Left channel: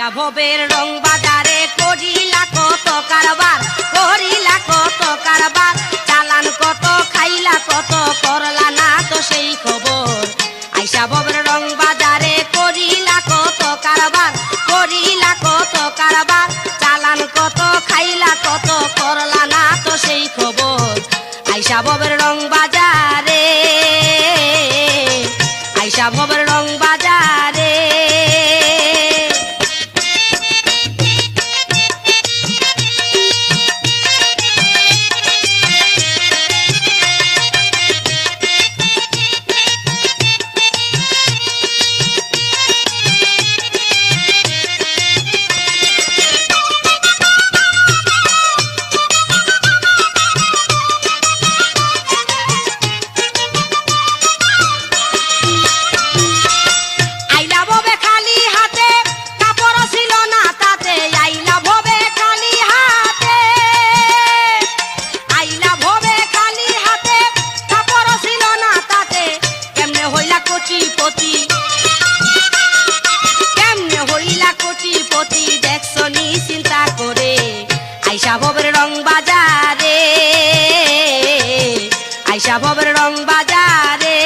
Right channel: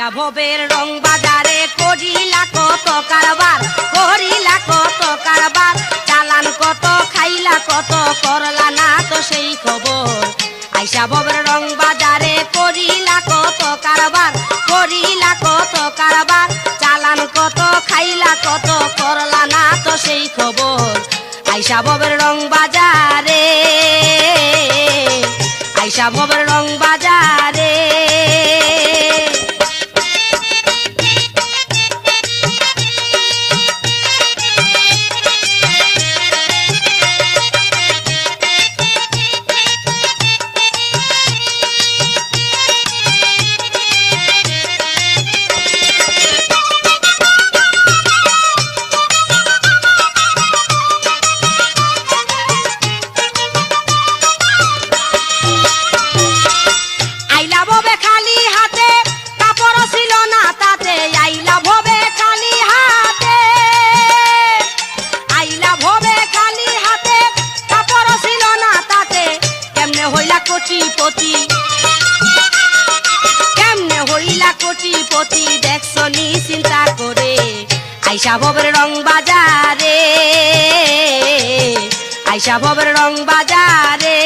আইসা ভবের রং বাজারে করিলা কত কারবার, করিলা কত কারবার, চালান কত খাইলা কত করলা না তো সেই খবর। আইসা ভবের রং বাজারে করিলা কত কারবার, করিলা কত কারবার, চালান কত খাইলা কত করলা না তো সেই খবর। আইসা ভবের রং বাজারে, আইসা ভবের রং বাজারে। কেমনে হইলা কোটিপতি দেখছো নি চিন্তা করে। আইসা ভবের রং বাজারে, আইসা ভবের রং বাজারে।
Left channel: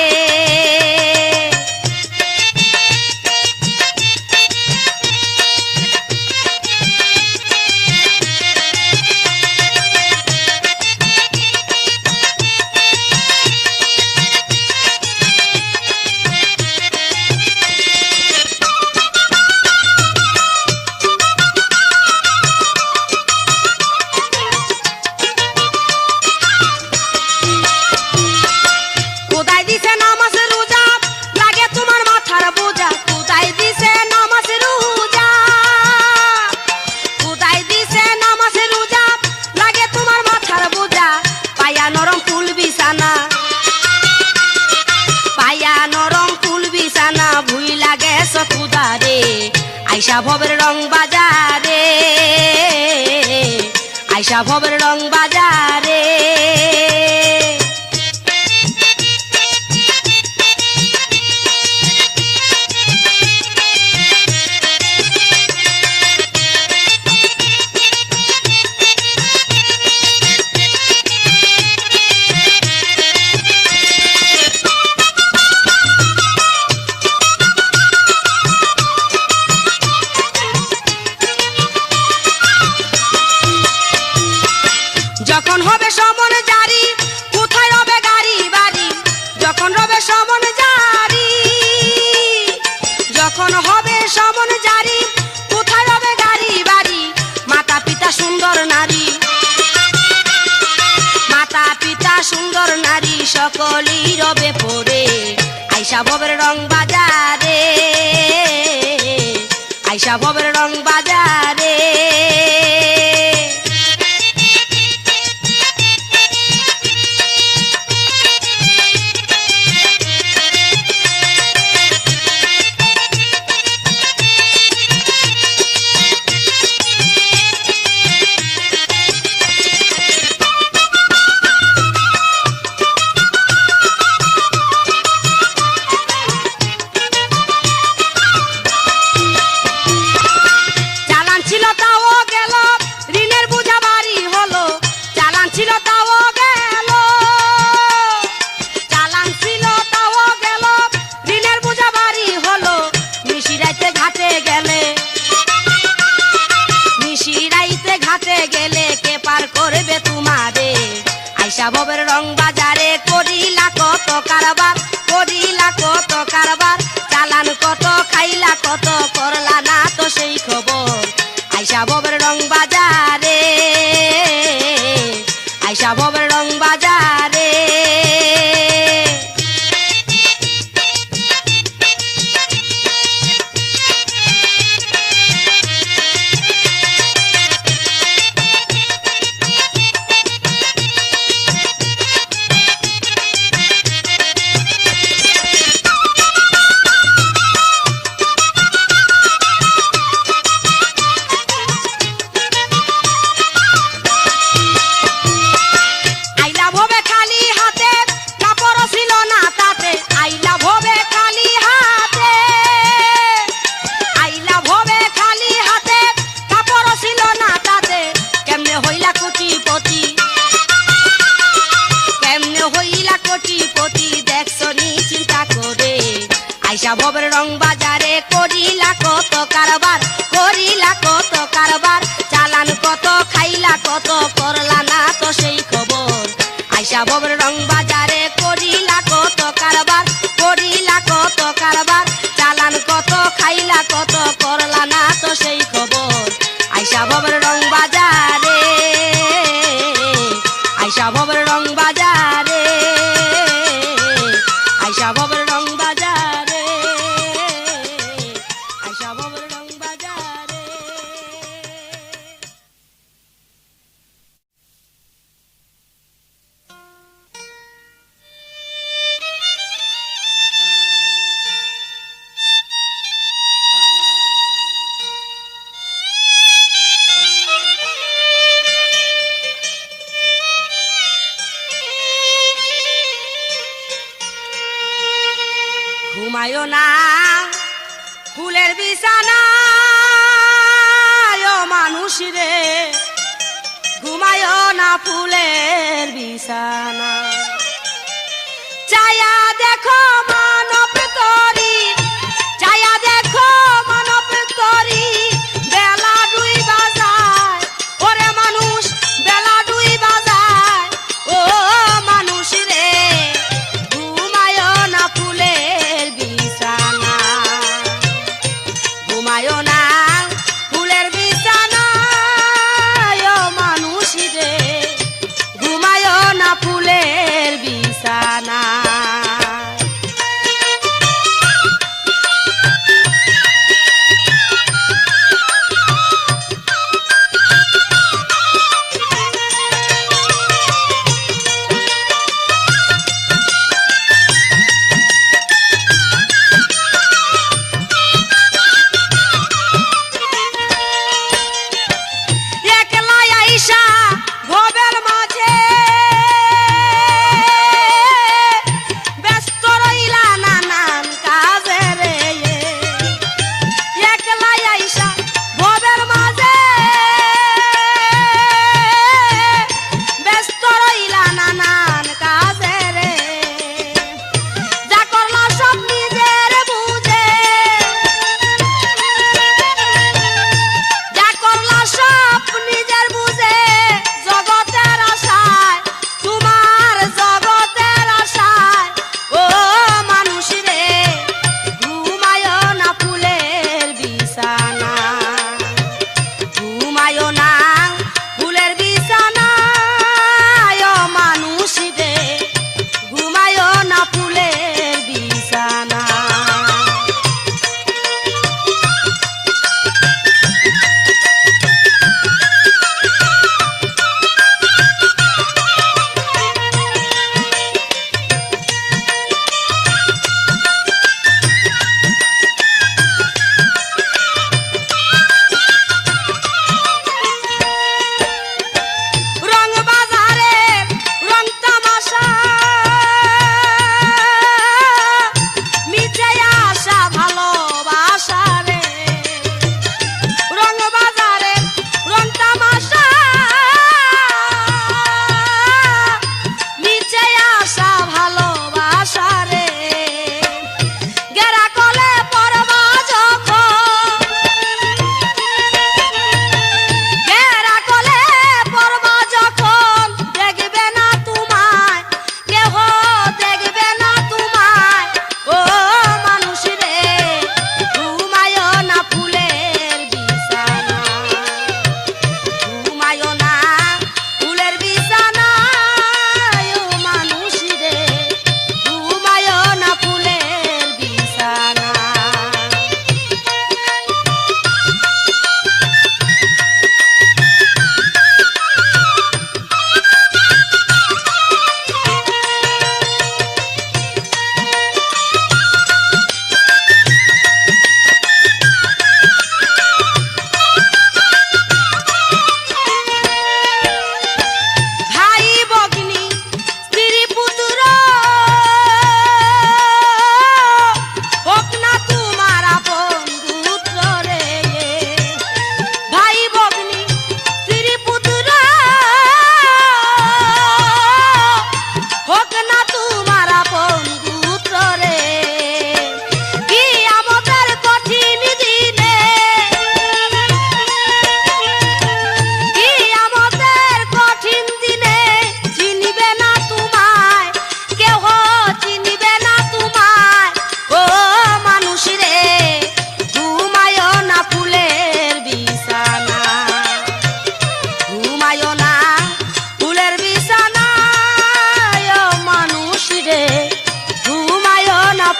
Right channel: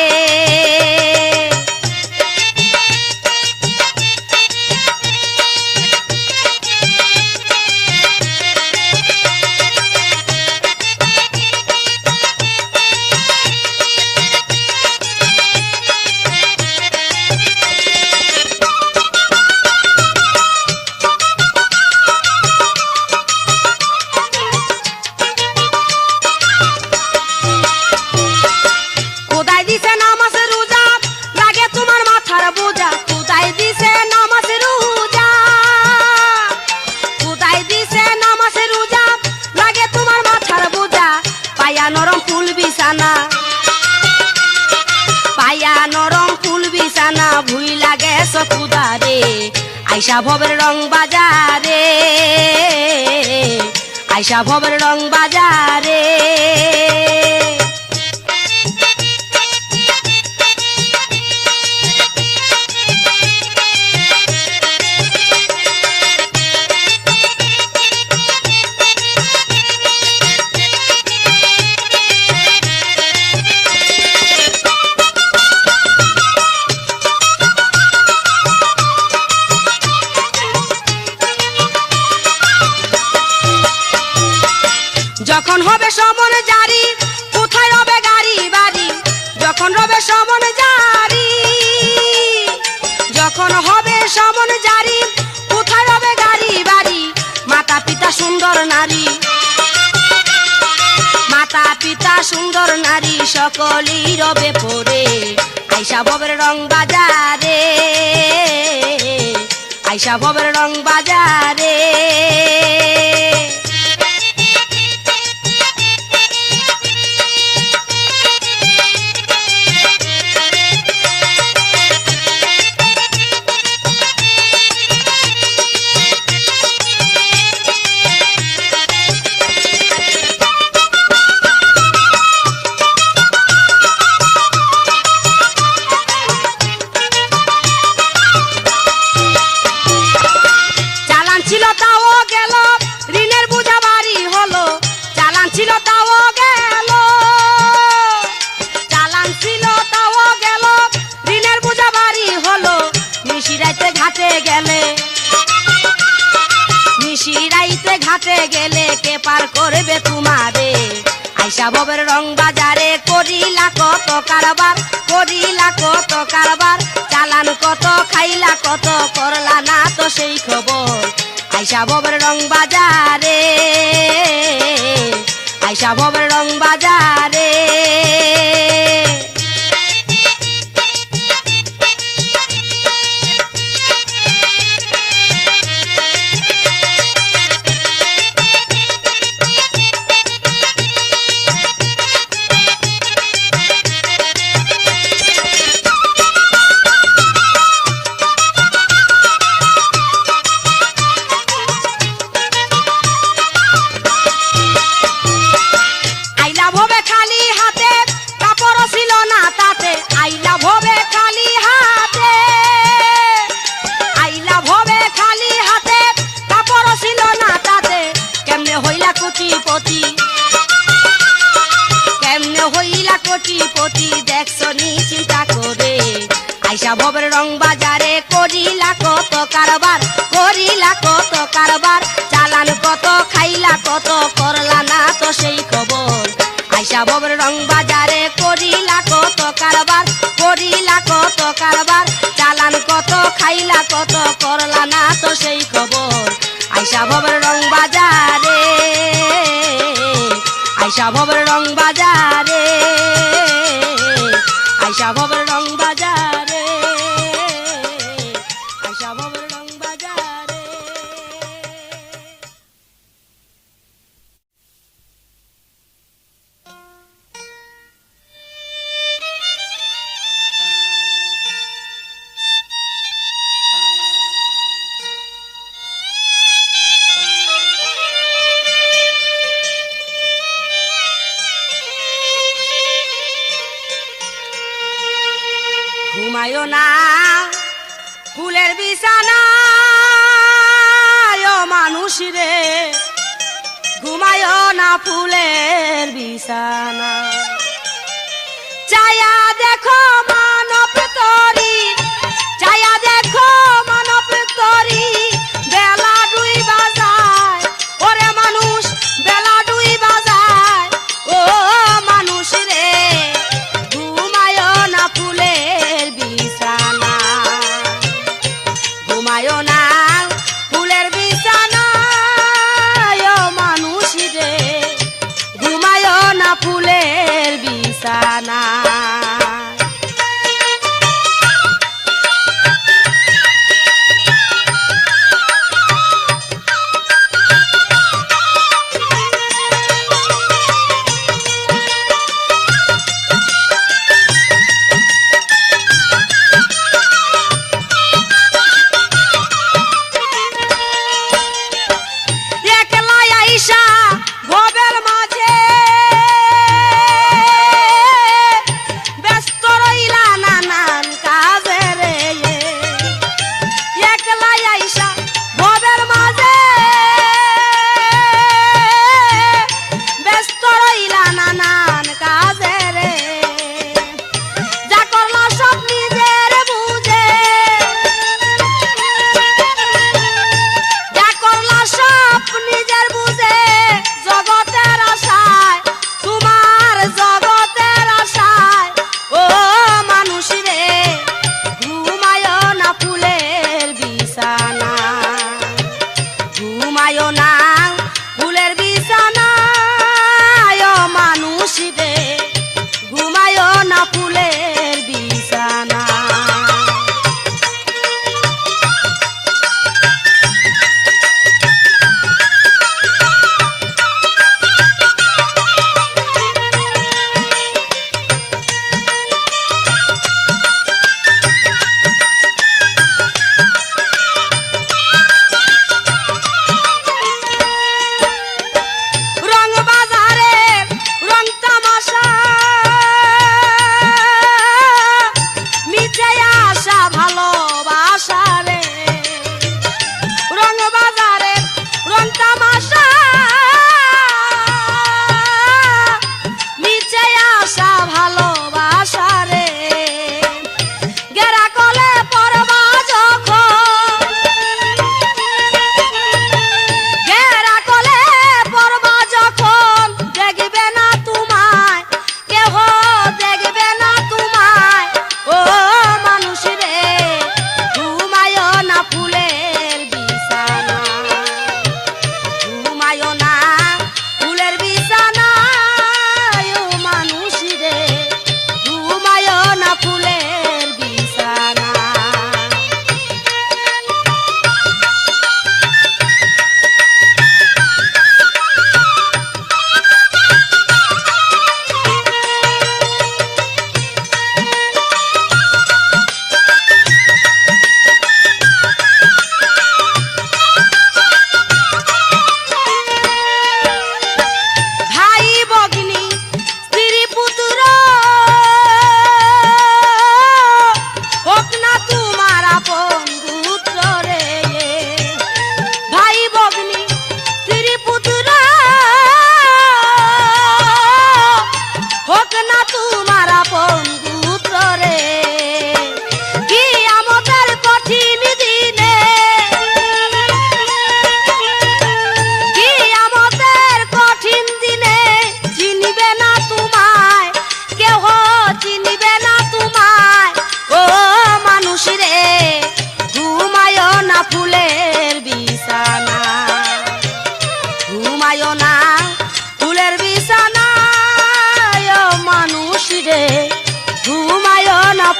আইসা ভবের রং বাজারে, আইসা ভবের রং বাজারে। যখন হবে সমন জারি কোথায় হবে গাড়ি বাড়ি, যখন হবে সমন জারি, যখন হবে সমন জারি কোথায় হবে গাড়ি বাড়ি। মাতা পিতা সুন্দর নারী, মাতা পিতা সুন্দর নারী সকলই রবে পড়ে। আইসা ভবের রং বাজারে, আইসা ভবের রং বাজারে। গেলে কে পার করবে তোমারে। আইসা ভবের রং বাজারে করিলা কত কারবার, করিলা কত কারবার, চালান কত খাইলা কত করলা না তো সেই খবর। আইসা ভবের রং বাজারে, আইসা ভবের রং বাজারে। কি দেখছো নি চিন্তা করে আইসা ভবের রং বাজারে করিলা কত কারবার করিলা কত কারবার চালান কত খাইলা কত করলা না তো সেই খবর আইসা ভবের রং বাজারে করিলা কত কারবার করিলা কত কারবার চালান কত খাইলা কত করলা না তো সেই খবর আইসা ভবের রং বাজারে আইসা ভবের রং বাজারে আইসা ভবের রং বাজারে আইসা ভবের রং বাজারে ঘুমায়ো না ফুলের বিছানায় ও মানুষ রে ঘুমায়ো না ফুলের বিছানা চায়া দেখো মানব তরি চায়া দেখো মানব তরি বেলা দুই বাজায় ওরে মানুষ বেলা দুই বাজায় ও মানুষ রে ঘুমায়ো না ফুলের বিছানা ঘুমায়ো না ফুলের বিছানা ও মানুষ রে ঘুমায়ো না ফুলের বিছানা ভবের মাঝে ব্যস্ত রইলা নানান কাজে রে একলা আইসা ভবের মাঝে ব্যস্ত রইলা নানান কাজে রে যা করলা সব নিজের বুঝে যা করলা সব নিজের বুঝে জগতের আশায় তোমার জগতের আশায় ও মানুষ রে ঘুমায়ো না ফুলের বিছানা ঘুমায়ো না ফুলের বিছানা ও মানুষ রে ঘুমায়ো না ফুলের বিছানা রং বাজারে রং তামাশা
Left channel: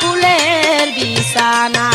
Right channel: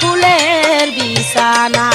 ফুলের বিছানা।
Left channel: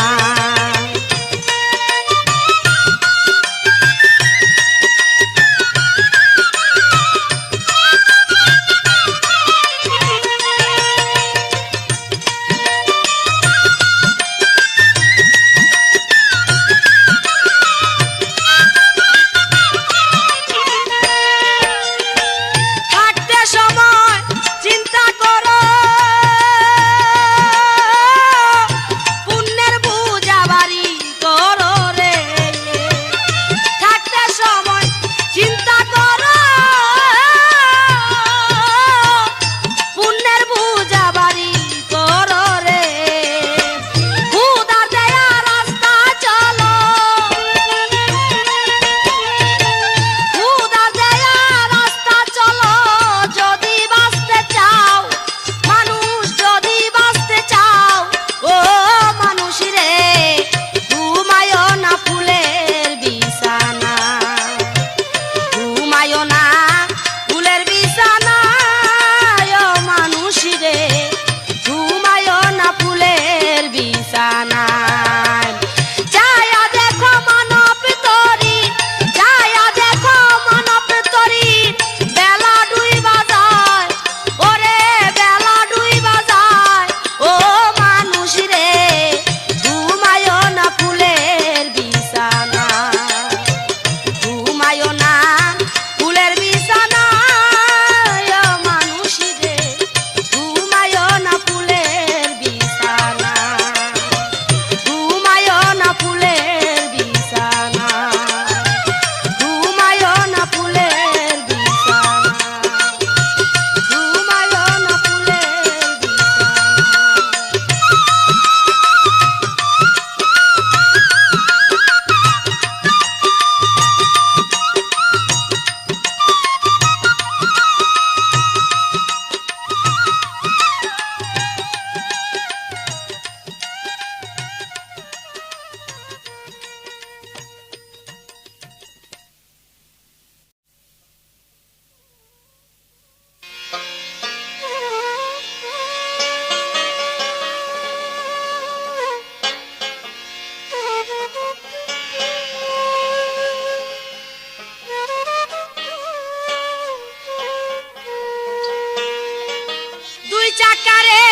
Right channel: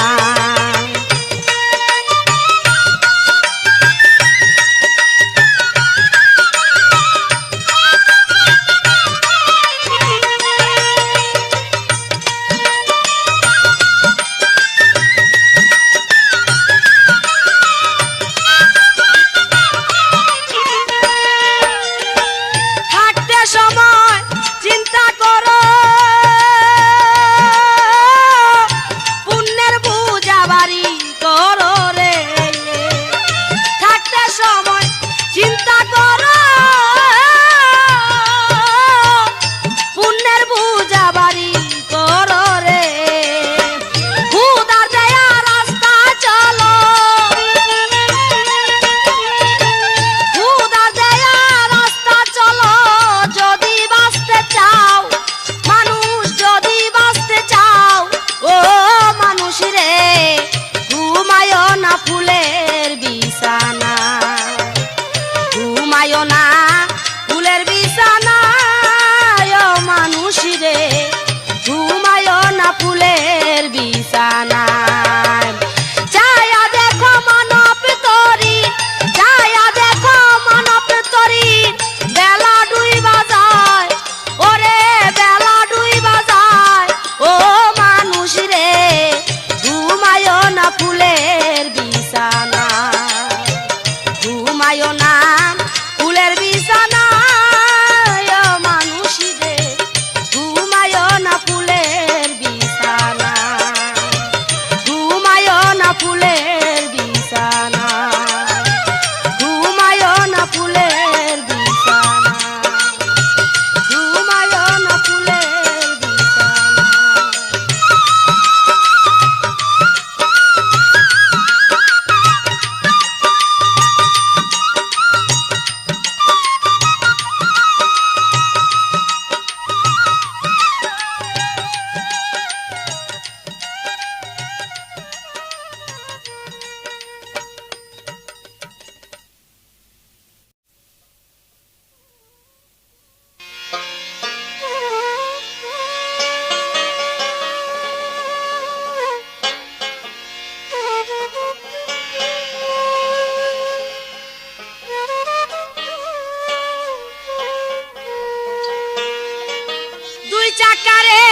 চাকারে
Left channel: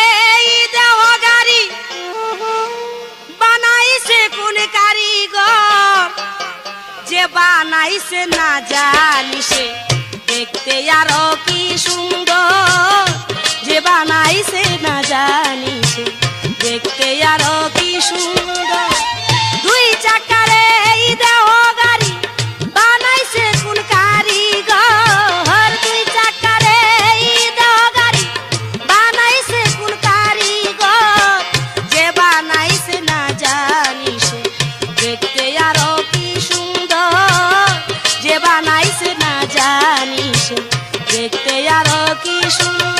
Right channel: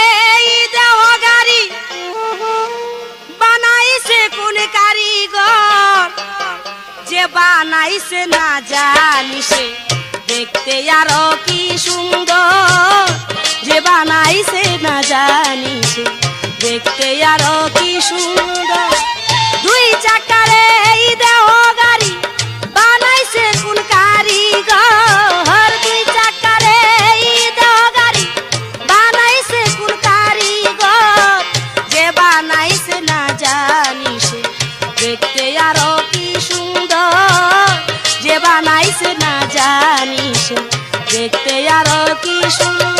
দেহ গাড়ি বানাইছে কোন কারিগর, যে বানাইছে না জানিছে দেখতে আরো কি সুন্দর, যে বানাইছে না জানিছে দেখতে আরো কি সুন্দর। দুই চাকারে দেহ গাড়ি বানাইছে কোন কারিগর, দুই চাকারে দেহ গাড়ি বানাইছে কোন কারিগর, যে বানাইছে না জানিছে দেখতে আরো কি সুন্দর, যে বানাইছে না জানিছে দেখতে আরো কি সুন্দর।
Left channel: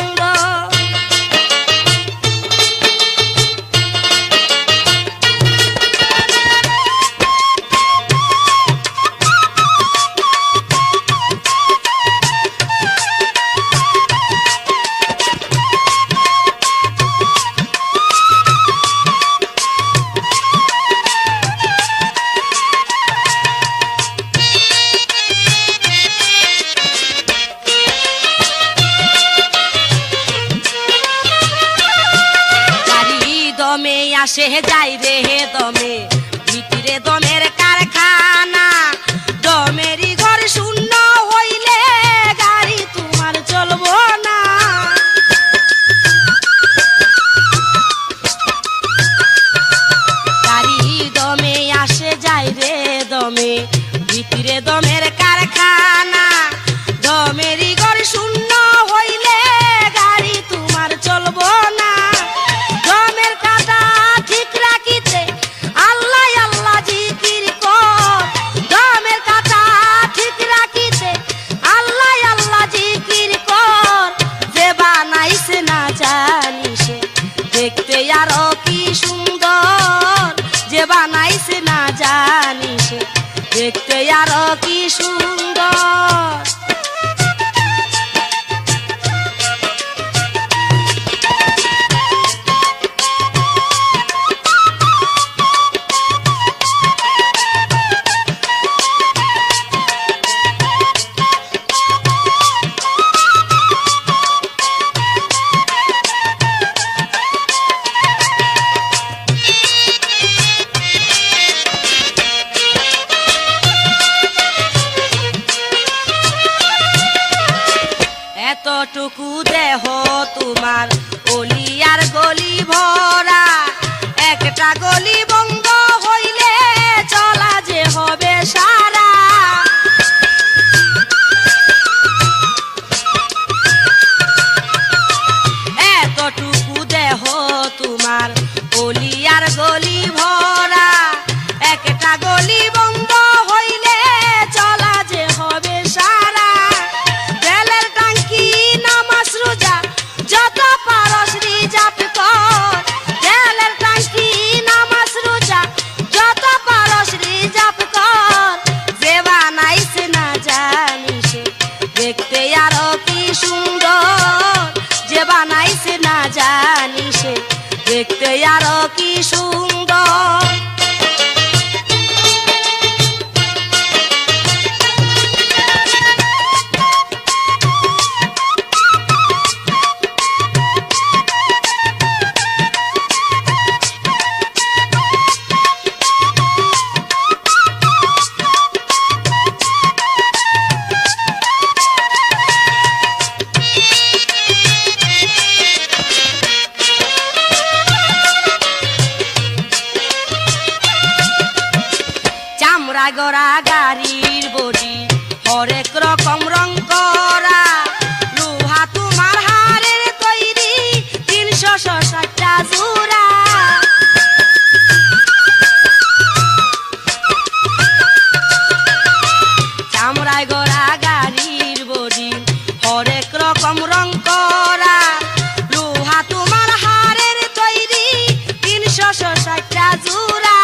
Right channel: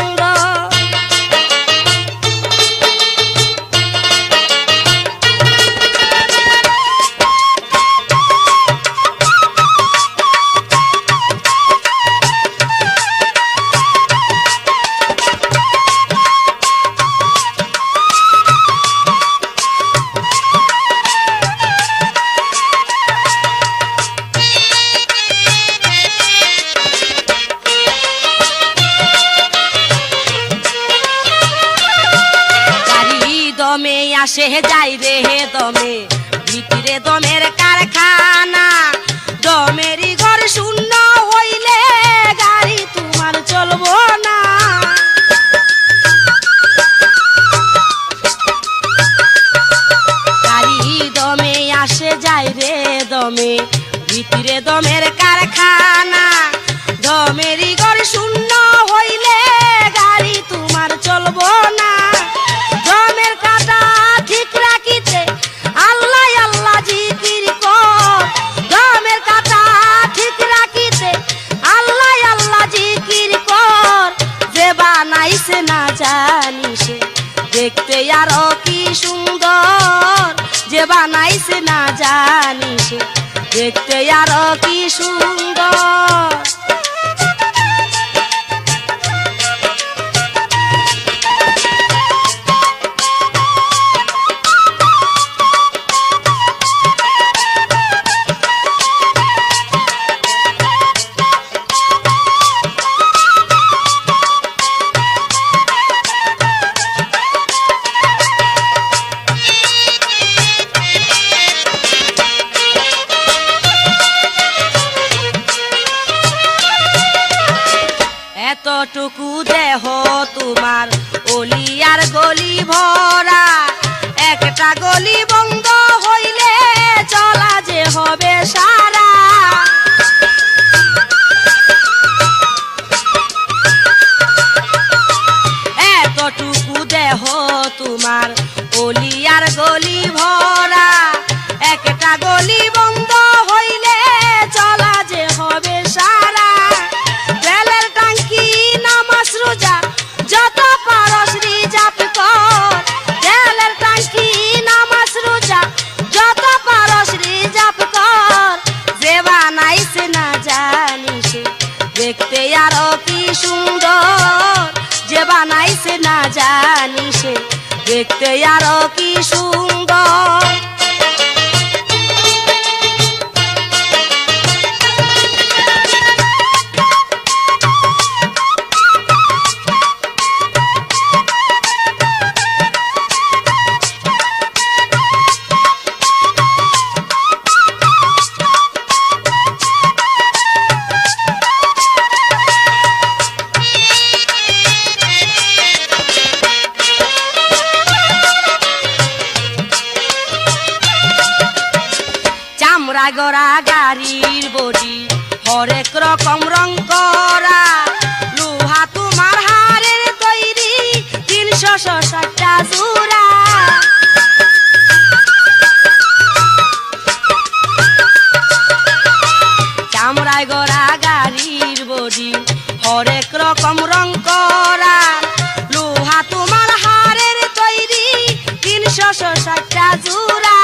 দমে আসে যাই রে দমে, ভিতরে দমের কারখানা, দমেরই ঘর শূন্য হইলে গাড়ি তোমার চলবো না। গাড়ি দমে আসে যাই রে দমে, ভিতরে দমের কারখানা, দমেরই ঘর শূন্য হইলে গাড়ি তোমার চলবো না। দমের কাটা ঠিক রাখিতে আল্লাহ আল্লাহ জিকির কর, দমের কাটা ঠিক রাখিতে আল্লাহ আল্লাহ জিকির কর, যে বানাইছে না জানিছে দেখতে আরো কি সুন্দর, যে বানাইছে না জানিছে দেখতে আরো কি সুন্দর। গলি ভরা, একটা গলি বন্ধ হইলে চলা যে হবে সারা। এতটুকু দেহ তোমার অলি আর গলি ভরা, একটা গলি বন্ধ হইলে চলা যে হবে সারা। তেলের টাঙ্কি নামাজ রোজা যত পারস রিজাপ কর, তেলের টাঙ্কি নামাজ রোজা যত পারস রিজাপ কর। যে বানাইছে না জানিস দেখতে আরো কি সুন্দর, যে বানাইছে না জানিস দেখতে আরো কি সুন্দর। চামড়া গড়া গাড়ির বডি হরেক রকম রং করা, লোহা তোমার হাড়ের তৈরি 360টা জোড়া। চামড়ায় গড়া গাড়ির বডি হরেক রকম রং করা, লোহা তোমার হাড়ের তৈরি 360টা জোড়া।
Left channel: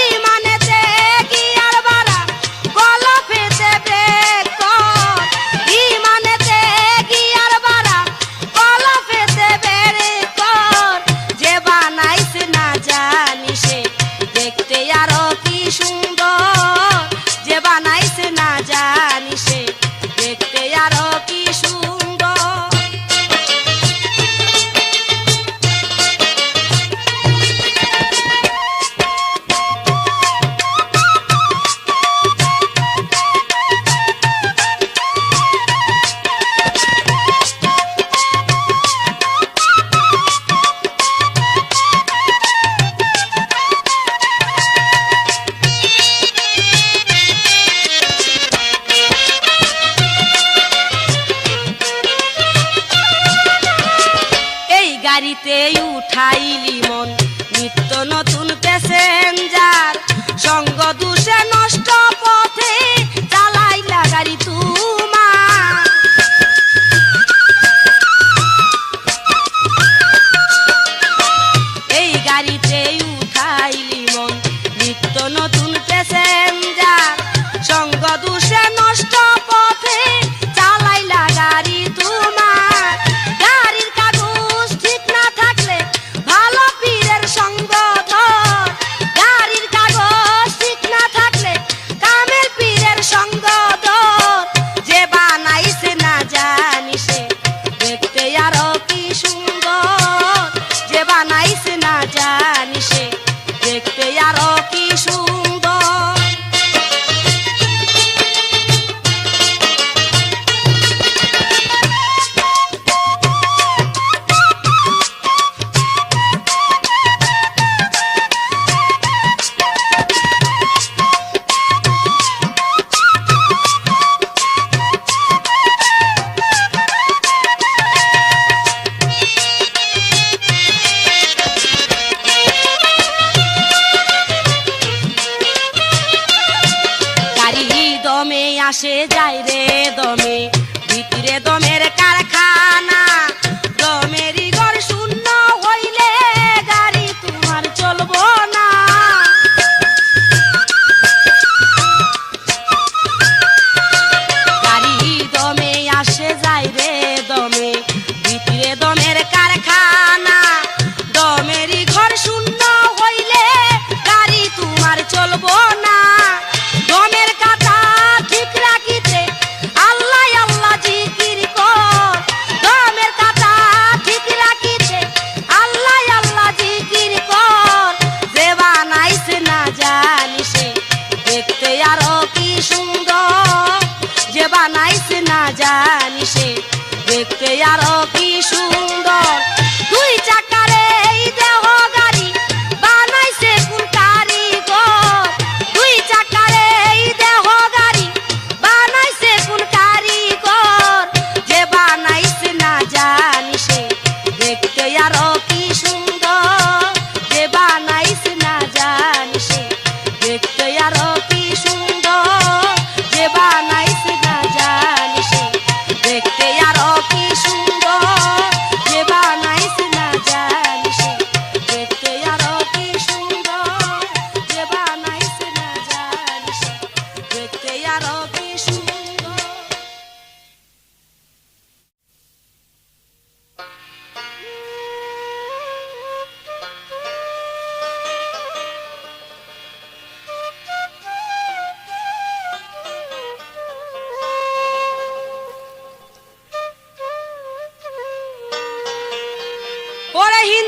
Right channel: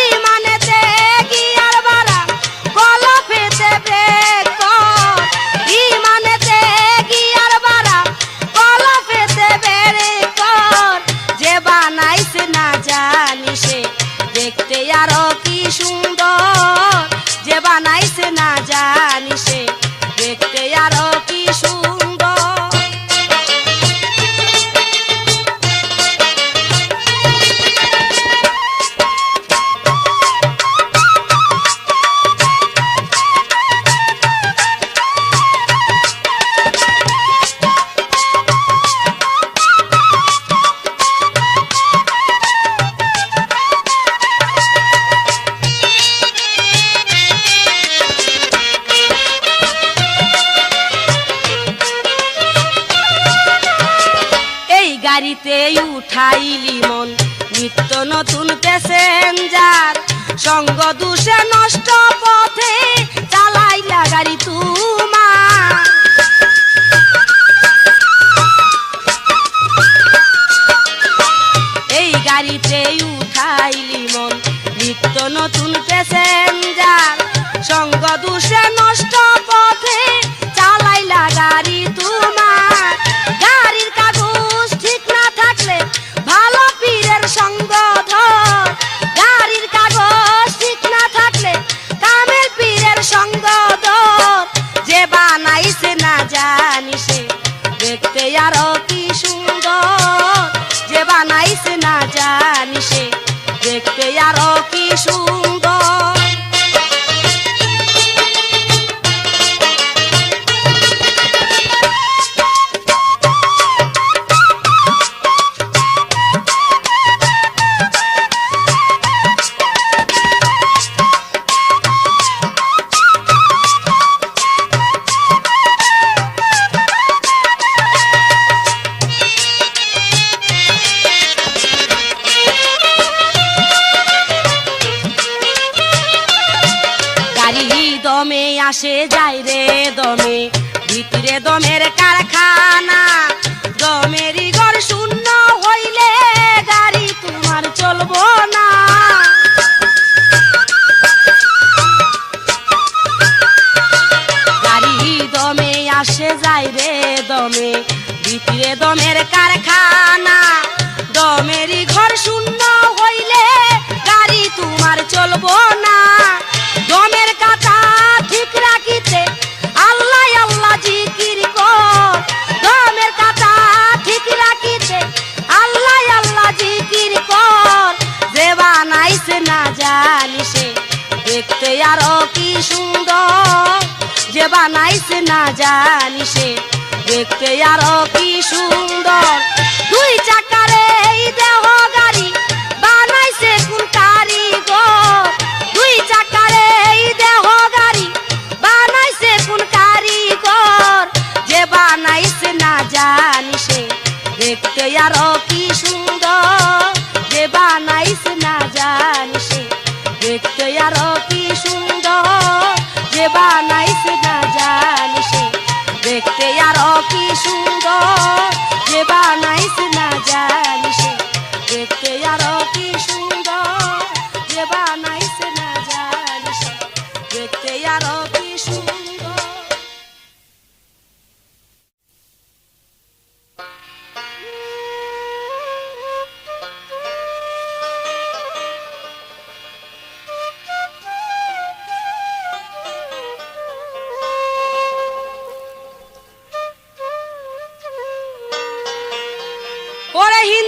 ইমানেতে গিয়ার বাড়া কলফেতে ব্রেক কর, ইমানেতে গিয়ার বাড়া কলফেতে ব্রেক কর। যে বানাইছে না জানিসে দেখতে আরো কি সুন্দর, যে বানাইছে না জানিসে দেখতে আরো কি সুন্দর। গাড়িতে উঠাইলি মন নিত্য নতুন প্যাসেঞ্জার, সঙ্গ দুষে নষ্ট পথে চালাইলা গাড়ি তোমার। এই গাড়িতে উঠাইলি মন নিত্য নতুন প্যাসেঞ্জার, সঙ্গ দুষে নষ্ট পথে চালাইলা গাড়ি তোমার। গাড়ির কাগজ ঠিক না থাকলে ভালো পীরের সঙ্গ ধর, গাড়ির কাগজ ঠিক না থাকলে কামেল পীরের সঙ্গ ধর। যে বানাইছে না জানিসে দেখতে আরো কি সুন্দর, যে বানাইছে না জানিসে দেখতে আরো কি সুন্দর। দমে আসে যায় রে দমে, ভিতরে দমের কারখানা। দমেরই ঘর শূন্য হইলে গাড়ি তোমার চলবো না। গাড়ি দমে আসে যায় রে দমে, ভিতরে দমের কারখানা। দমেরই ঘর শূন্য হইলে গাড়ি তোমার চলবো না। দমের কাটা ঠিক রাখিতে আল্লাহ আল্লাহ জিকির কর, দমের কাটা ঠিক রাখিতে আল্লাহ আল্লাহ জিকির কর। যে বানাইছে না জানিসে দেখতে আরো কি সুন্দর, যে বানাইছে না জানিসে দেখতে আরো কি সুন্দর। দুই চাকার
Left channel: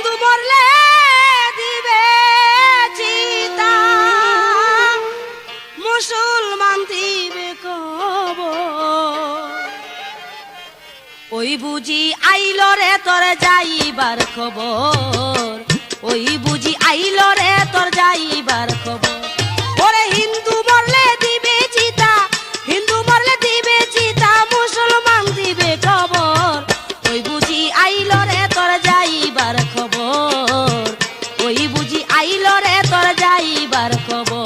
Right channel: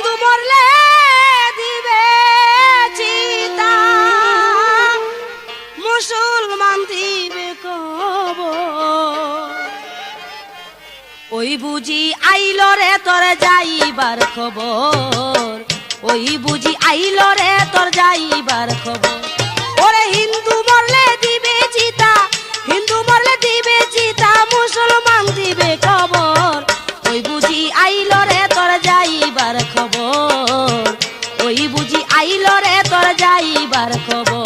হিন্দু মরলে দিবে চিতা, মুসলমান দিবে কবর। ওই বুঝি আইল রে তোর যাইবার খবর, ওই বুঝি আইল রে তোর যাইবার খবর। ওরে হিন্দু মরলে দিবে চিতা, হিন্দু মরলে দিবে চিতা, মুসলমান দিবে খবর। ওই বুঝি আইল রে তোর যাইবার খবর, ওই বুঝি আইল রে তোর যাইবার খবর।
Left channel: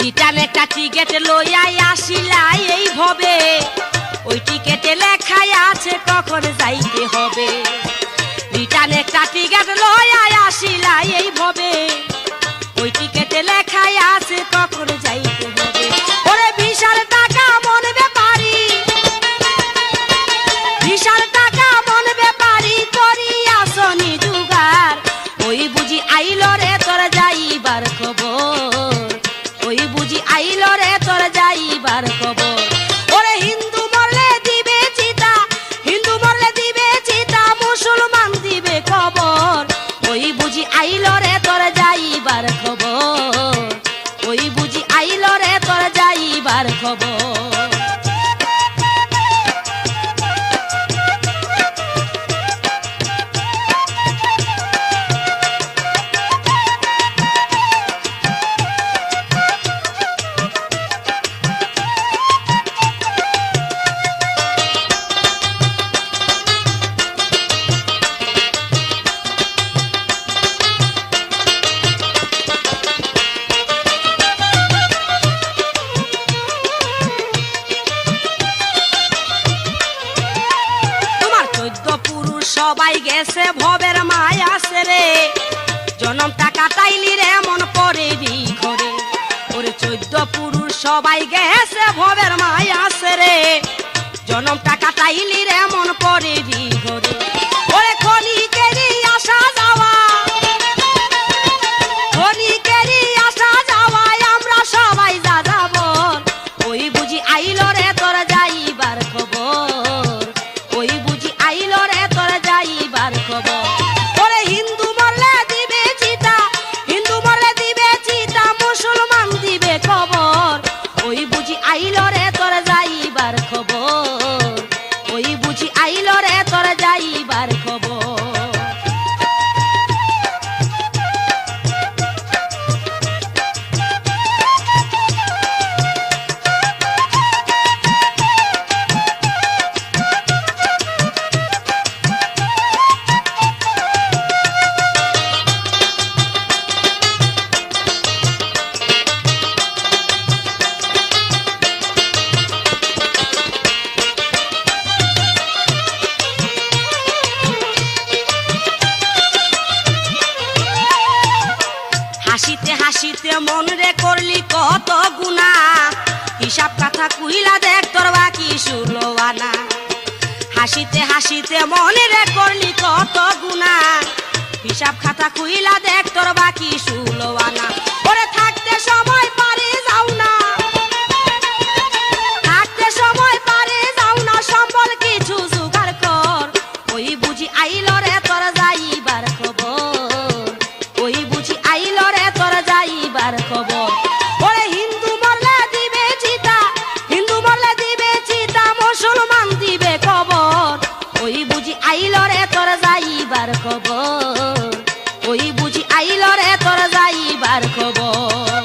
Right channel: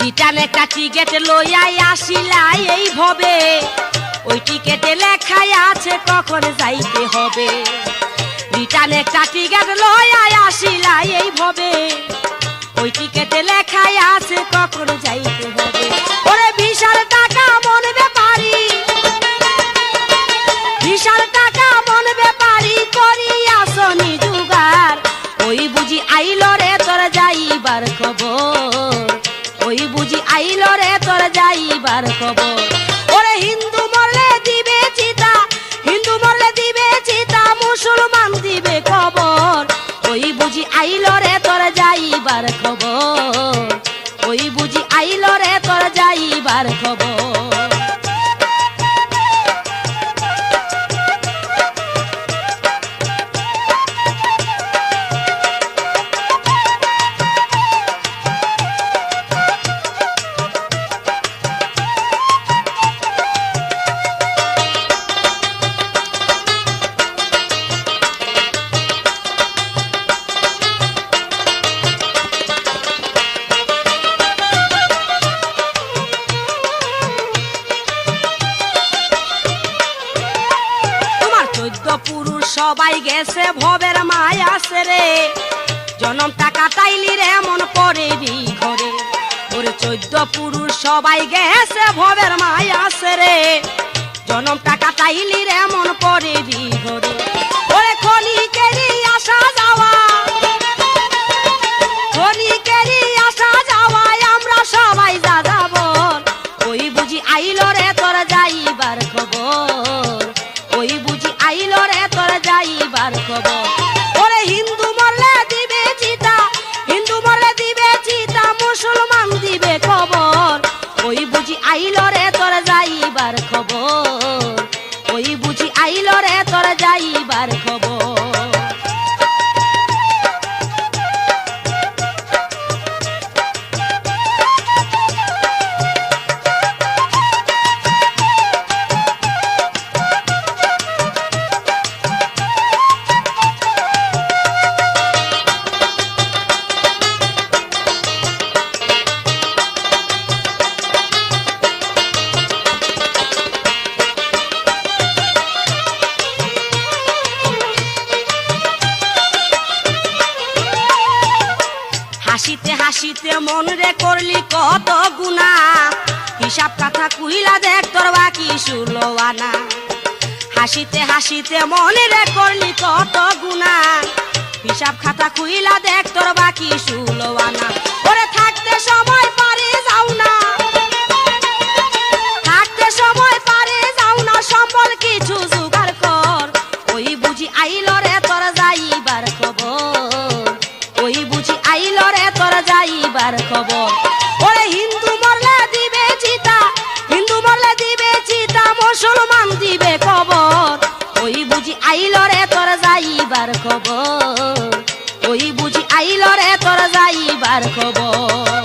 রিটার্ন একটা টিকেট লইয়াই আসিলাই এই ভবে, ওই টিকেটে লেখাই আছে কখন যাইতে হবে। রিটার্ন একটা টিকেট লইয়াই আসিলাই এই ভবে, ওই টিকেটে লেখাই আছে কখন যাইতে হবে। ওরে বিশাল টাকা মন ব্যাপারি, বিশাল টাকা মন ব্যাপারি করি আসনি জুগার। ওই বুঝি আইল রে তোর যাইবার খবর, ওই বুঝি আইল রে তোর যাইবার খবর। ওরে হিন্দু মরলে দিবে চিতা, হিন্দু মরলে দিবে চিতা, মুসলমান দিবে খবর। ওই বুঝি আইল রে তোর যাইবার খবর, ওই বুঝি আইল রে তোর যাইবার খবর। পুরুষ সবাই গেছে ভবের মায়া সেরে, জনম টাকা তাইলি রে মন পড়ে ঘরে। ওরে 14 পুরুষ সবাই গেছে ভবের মায়া সেরে, জনম টাকা তাইলি রে মন পড়ে ঘরে। ওরে খনিকেরই আসা যাওয়া, খনিকেরই আসা যাওয়া আমরা সবাই যা যাব। ওই বুঝি আইল রে তোর যাইবার খবর, ওই বুঝি আইল রে তোর যাইবার খবর। ওরে হিন্দু মরলে দিবে চিতা, হিন্দু মরলে দিবে চিতা, মুসলমান দিবে খবর। ওই বুঝি আইল রে তোর যাইবার খবর, ওই বুঝি আইল রে তোর যাইবার খবর। হাসিতে হাসিতে মন রে করলি কত গুণা, হিসাব কথা কুইলা দেখ তোর বাকি 16 আনা। হাসিতে হাসিতে মন রে করলি কত গুণা, হিসাব খাতা কুইলা দেখ তোর বাকি 16 আনা। ওরে থাকতে সময় পারে যাও না, থাকতে সময় পারে যাও না, সম্বল কিছু জোগাড় কর। ওই বুঝি আইল রে তোর যাইবার খবর, ওই বুঝি আইল রে তোর যাইবার খবর। ওরে হিন্দু মরলে দিবে চিতা, হিন্দু মরলে দিবে চিতা, মুসলমান দিবে খবর। ওই বুঝি আইল রে তোর যাইবার খবর, ওই বুঝি আইল রে তোর যাইবার খবর।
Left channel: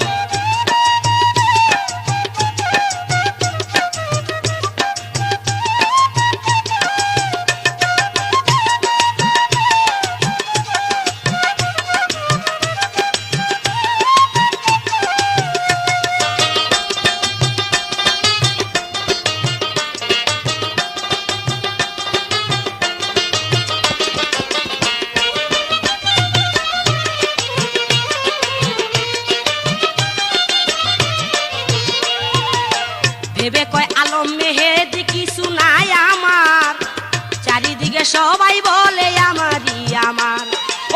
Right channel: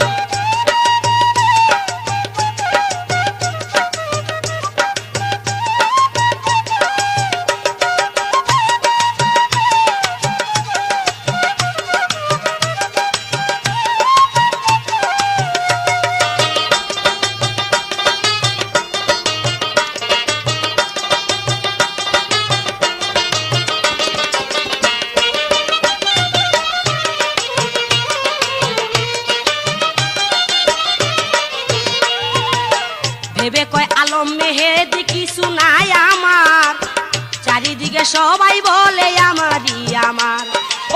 চারিদিকে সবাই বলে আমারই আমার,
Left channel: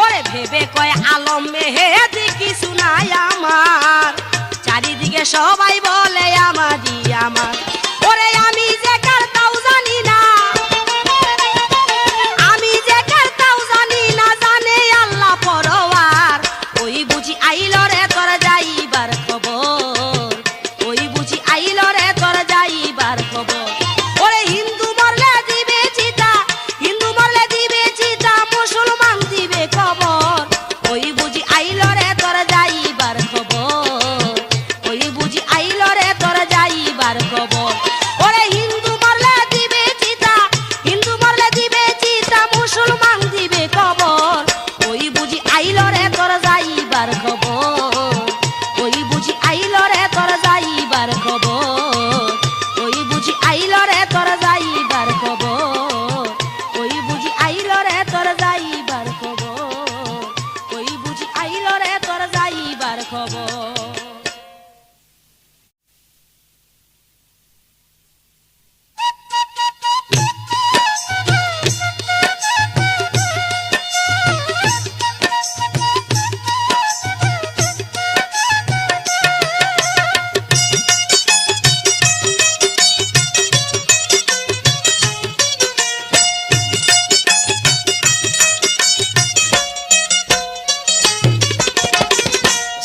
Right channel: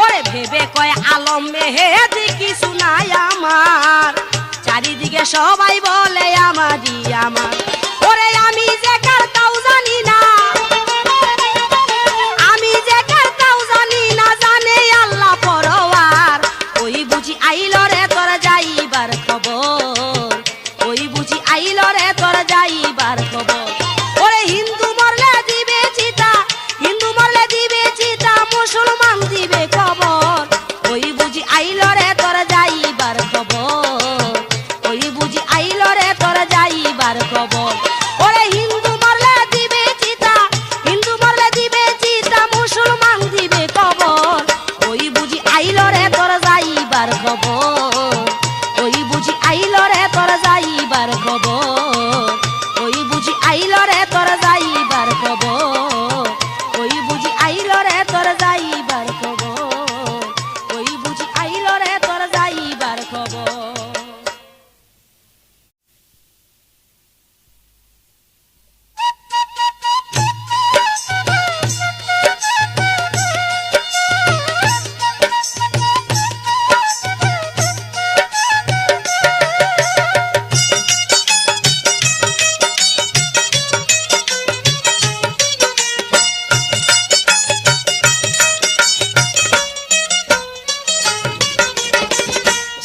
ওরে ভেবে কয় আলম মেহেদি কিছু নাই আমার, চারিদিকে সবাই বলে আমারই আমার, ওরে আমি যে কার তাও জানি না, আমি যে কার তাও জানি না, জানে আল্লাহ পরওয়ার, ওই বুঝি আইল রে তোর যাইবার খবর, ওই বুঝি আইল রে তোর যাইবার খবর, ওরে হিন্দু মরলে দিবে চিতা, হিন্দু মরলে দিবে চিতা, মুসলমান দিবে খবর, ওই বুঝি আইল রে তোর যাইবার খবর, ওই বুঝি আইল রে তোর যাইবার খবর, ওরে হিন্দু মরলে দিবে চিতা, হিন্দু মরলে দিবে চিতা, মুসলমান দিবে খবর, ওই বুঝি আইল রে তোর যাইবার খবর, ওই বুঝি আইল রে তোর যাইবার খবর, ওই বুঝি আইল রে তোর যাইবার খবর, ওই বুঝি আইল রে তোর যাইবার খবর, ওই বুঝি আইল রে তোর যাইবার খবর।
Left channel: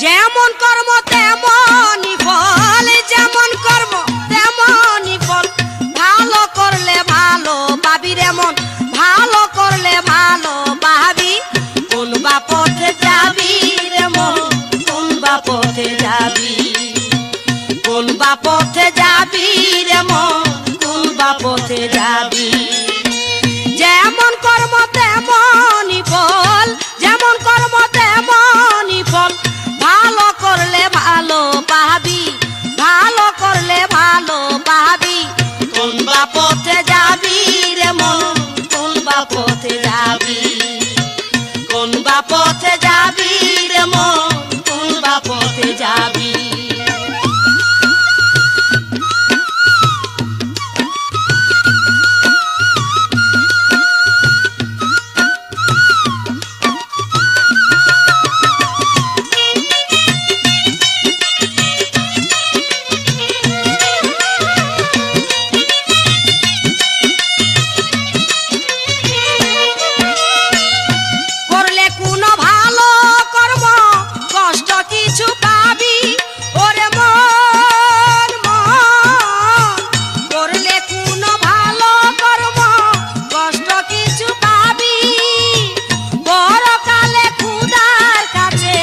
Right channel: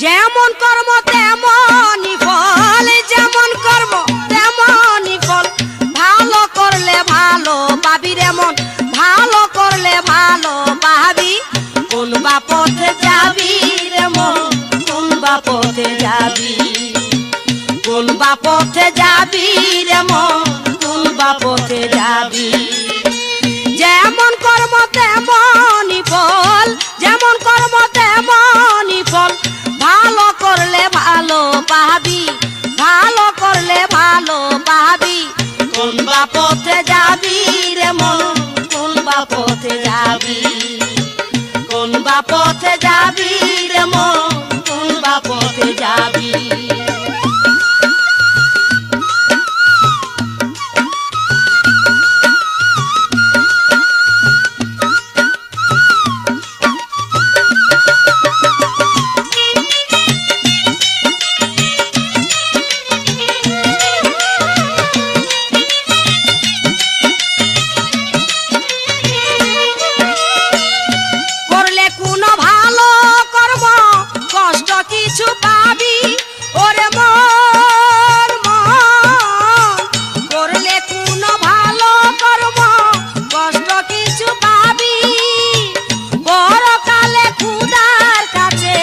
যেমন কর্ম তেমনই ফল, যেমন কর্ম তেমনই ফল, ভালো করলে ভালো পাবি রে মন, ভালো করলে ভালো পাবি, কোন বা পথে যাবি রে মন, কোন বা পথে যাবি, কোন বা পথে যাবি রে মন, কোন বা পথে যাবি, যেমন কর্ম তেমনই ফল, যেমন কর্ম তেমনই ফল, ভালো করলে ভালো পাবি, ভালো করলে ভালো পাবি, কোন বা পথে যাবি রে মন, কোন বা পথে যাবি, কোন বা পথে যাবি রে মন, কোন বা পথে যাবি। করলে কোনো ভালো কর্ম কষ্ট কিছু পাবি, ওরে মন মন, করলে কোনো ভালো কর্ম কষ্ট কিছু পাবি, বড়কালে খুদার কাছে,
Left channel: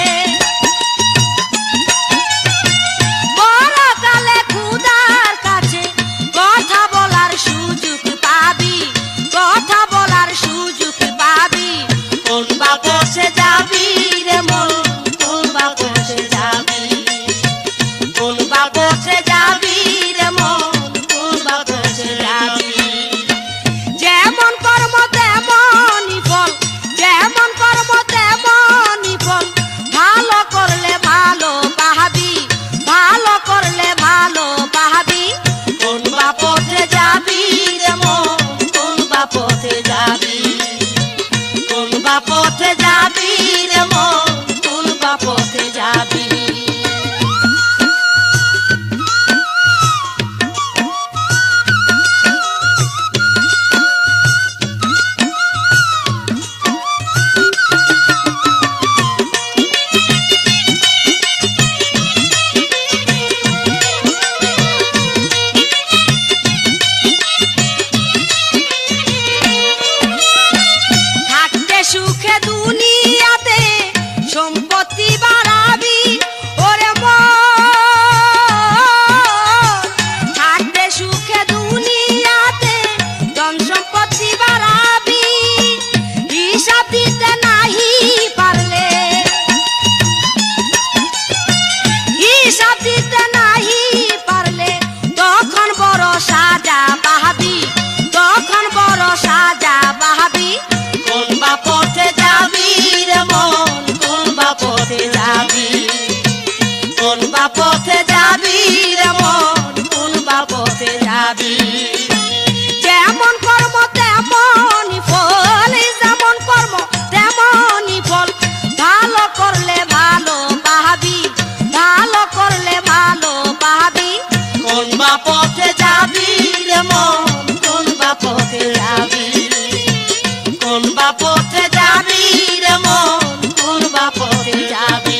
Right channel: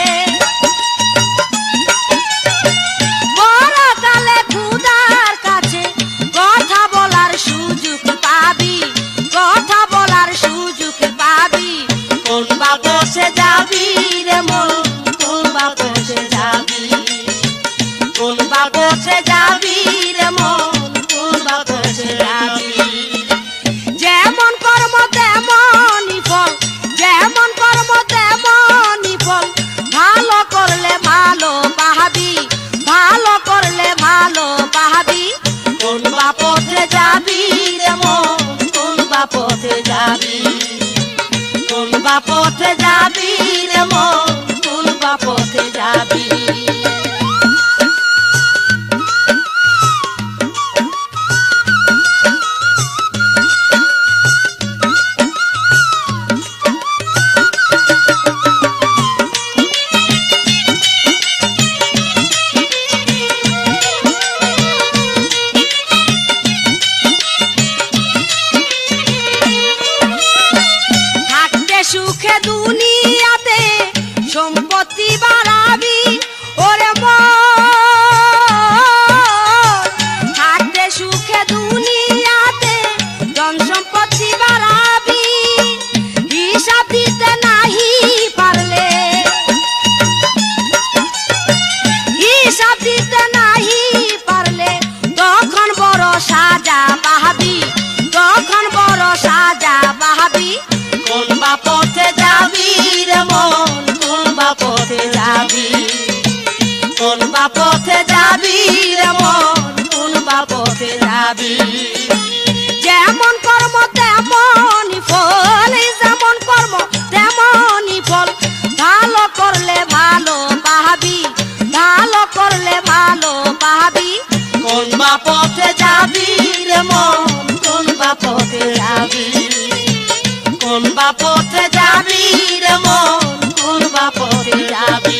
বড়কালে খুদার কাছে কথা বলার সুযোগ পাবি, কথা বলার সুযোগ পাবি, কোন বা পথে যাবি রে মন, কোন বা পথে যাবি, কোন বা পথে যাবি রে মন, কোন বা পথে যাবি, যেমন কর্ম তেমনই ফল, যেমন কর্ম তেমনই ফল, ভালো করলে ভালো পাবি, ভালো করলে ভালো পাবি, কোন বা পথে যাবি রে মন, কোন বা পথে যাবি, কোন বা পথে যাবি রে মন, কোন বা পথে যাবি। থাকতে সুখে দুনিয়াতে সম্পত্তি বাড়াবি, ওরে মন, থাকতে সুখে দুনিয়াতে ধন সম্পত্তি বাড়াবি, হিসাব দিতে নাহি পারলে, হিসাব দিতে নাহি পারলে, তখন বড় সাজা পাবি, তখন বড় সাজা পাবি, কোন বা পথে যাবি রে মন, কোন বা পথে যাবি, কোন বা পথে যাবি রে মন, কোন বা পথে যাবি, যেমন কর্ম তেমনই ফল, বা পথে যাবি রে মন, কোন বা পথে যাবি।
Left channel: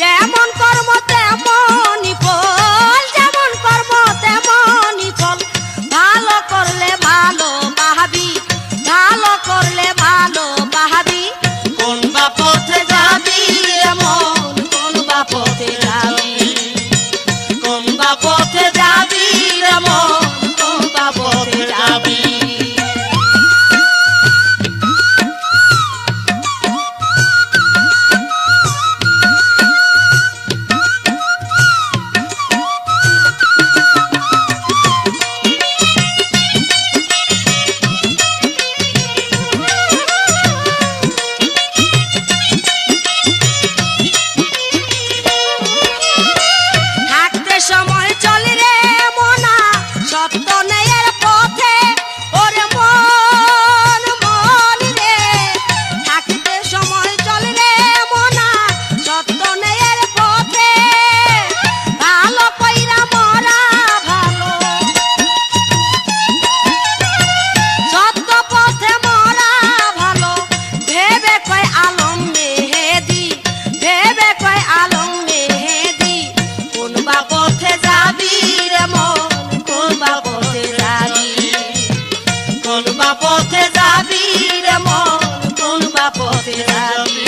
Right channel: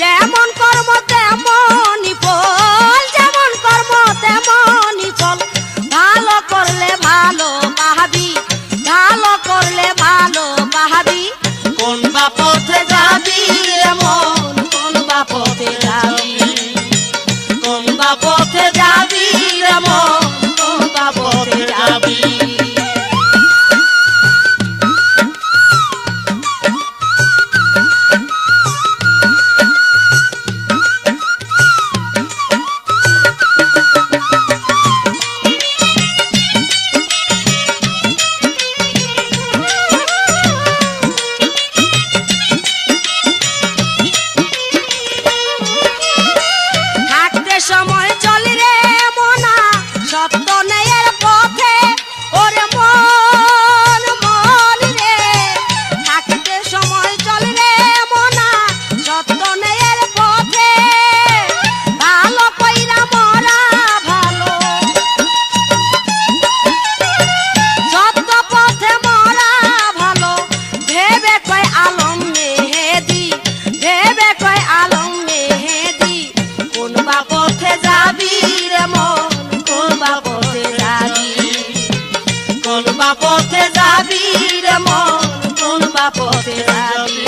যেমন কর্ম তেমনই ফল, যেমন কর্ম তেমনই ফল। ভালো করলে ভালো পাবি, ভালো করলে ভালো পাবি। কোন বা পথে যাবি রে মন, কোন বা পথে যাবি, কোন বা পথে যাবি রে মন, কোন বা পথে যাবি। সময় চলে রে মনা সত্য ন্যায়ের পথে, ওরে মন মন রে। থাকতে সময় চলে রে মনা সত্য ন্যায়ের পথে, ভালো কইরা মরা ভালো, সত্য পথে মরা ভালো। ভেবে কয় আলম মেহেদি, ভেবে কয় আলম মেহেদি। কোন বা পথে যাবি রে মন, কোন বা পথে যাবি, কোন বা পথে যাবি রে মন, কোন বা পথে যাবি।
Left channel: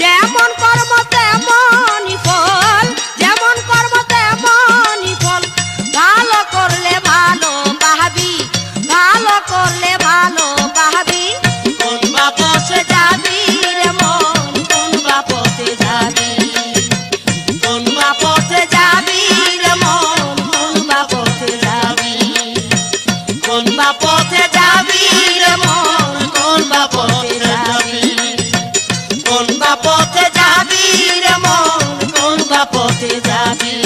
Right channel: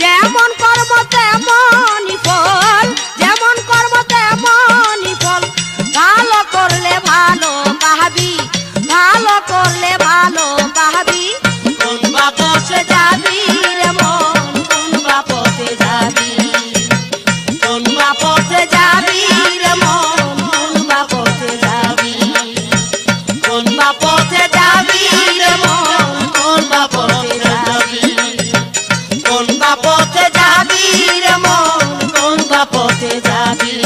যেমন কর্ম তেমনই ফল, যেমন কর্ম তেমনই ফল। ভালো করলে ভালো পাবি, ভালো করলে ভালো পাবি। কোন বা পথে যাবি রে মন, কোন বা পথে যাবি, কোন বা পথে যাবি রে মন, কোন বা পথে যাবি, কোন বা পথে যাবি রে মন, কোন বা পথে যাবি, কোন বা পথে যাবি রে মন, কোন বা পথে যাবি,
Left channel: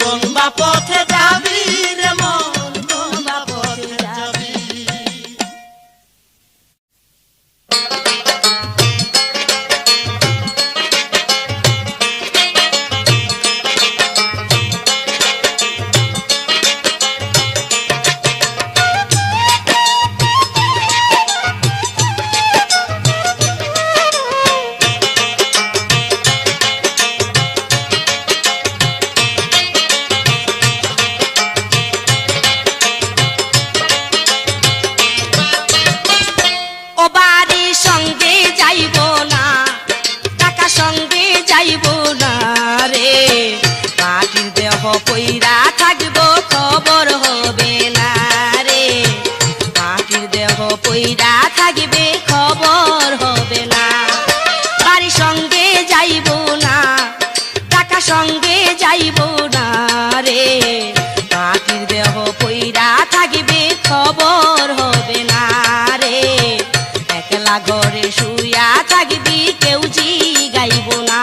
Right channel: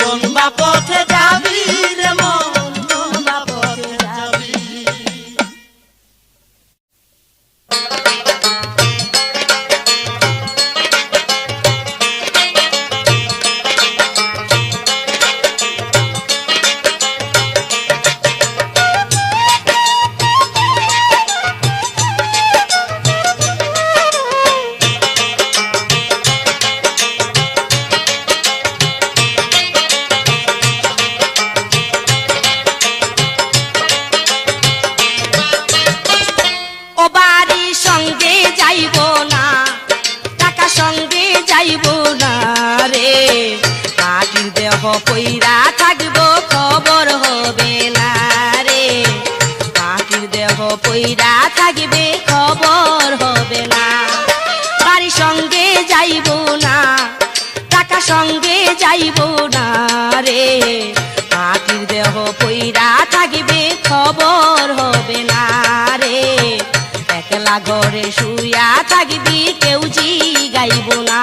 কোন বা পথে যাবি রে মন, কোন বা পথে যাবি। ও বাড়ির সঙ্গে যাইব না, টাকা সঙ্গে যাইব না রে। মাটির দেহ পইরা থাকব খবর হবে না রে। মাটির দেহ পইরা থাকবে খবর হবে না। বাড়ির সঙ্গে যাইব না, টাকা সঙ্গে যাইব না রে। মাটির দেহ পইরা থাকবে খবর হবে না রে। একলা ঘরে শুয়া থাকবি কেউ জিগাইব না।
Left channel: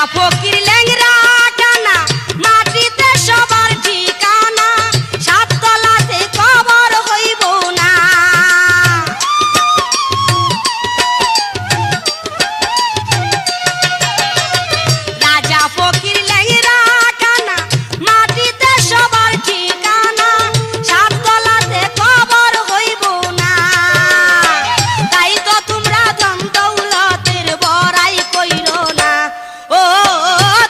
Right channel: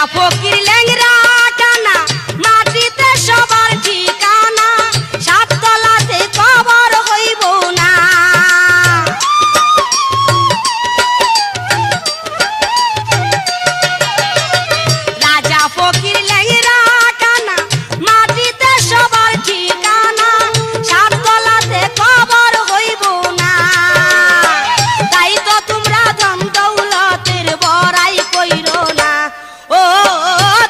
ফকির ল্যাংরা কানা মাটিতে সবার ঠিকানা সাততলাতে কবর হইব না রাজা ফকির ল্যাংরা কানা মাটিতে সবার ঠিকানা সাততলাতে কবর হইব না তাই তো তোমরা ধন দৌলতের বড়াই কইরো না ও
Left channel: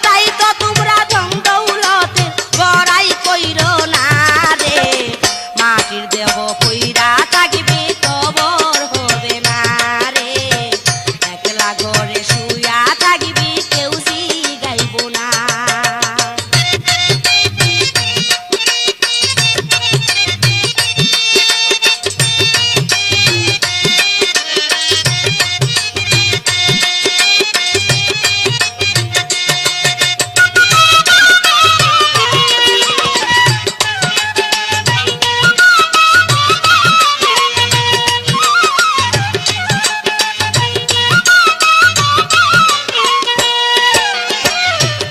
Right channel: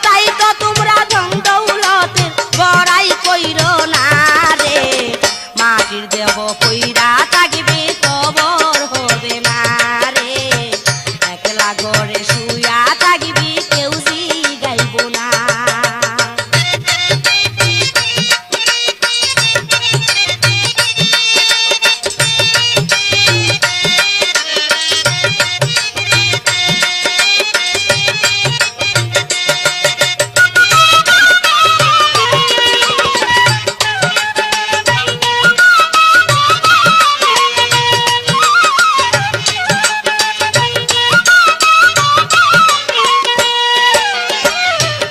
তাই তো তোমরা ধন দৌলতের বড়াই কইরো না রে মাটির দেহ কইরা থাকবে কবর হবে না রে একলা ঘরে শুয়া থাকবি কেউ জিগাইব না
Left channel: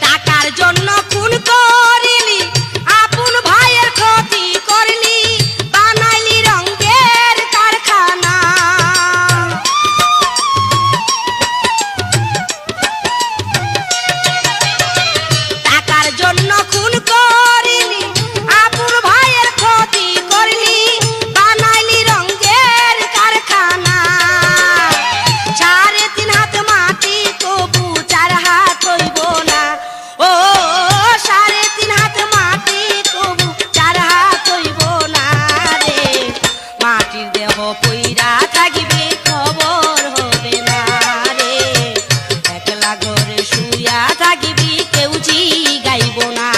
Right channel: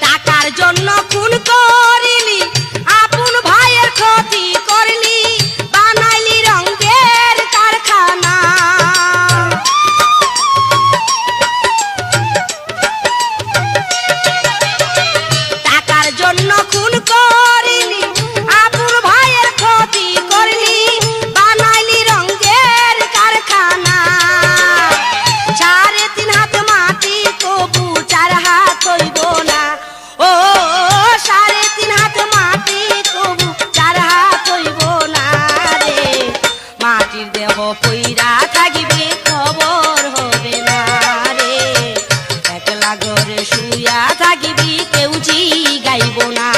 টাকার জন্য খুন করিলি আপন ভাইয়ের ক্ষতি করলি বানাইলি রঙের কারখানা টাকার জন্য খুন করিলি আপন ভাইয়ের ক্ষতি করলি বানাইলি রঙের কারখানা 3.5 হাত মাটি তবু 4 হাত হইব না ও 3.5 হাত মাটি তবু 4 হাত হইব না রে মাটির দেহ পইরা থাকিবে খবর হবে না রে একলা ঘরে শুয়া থাকিবি কেউ জিগাইব না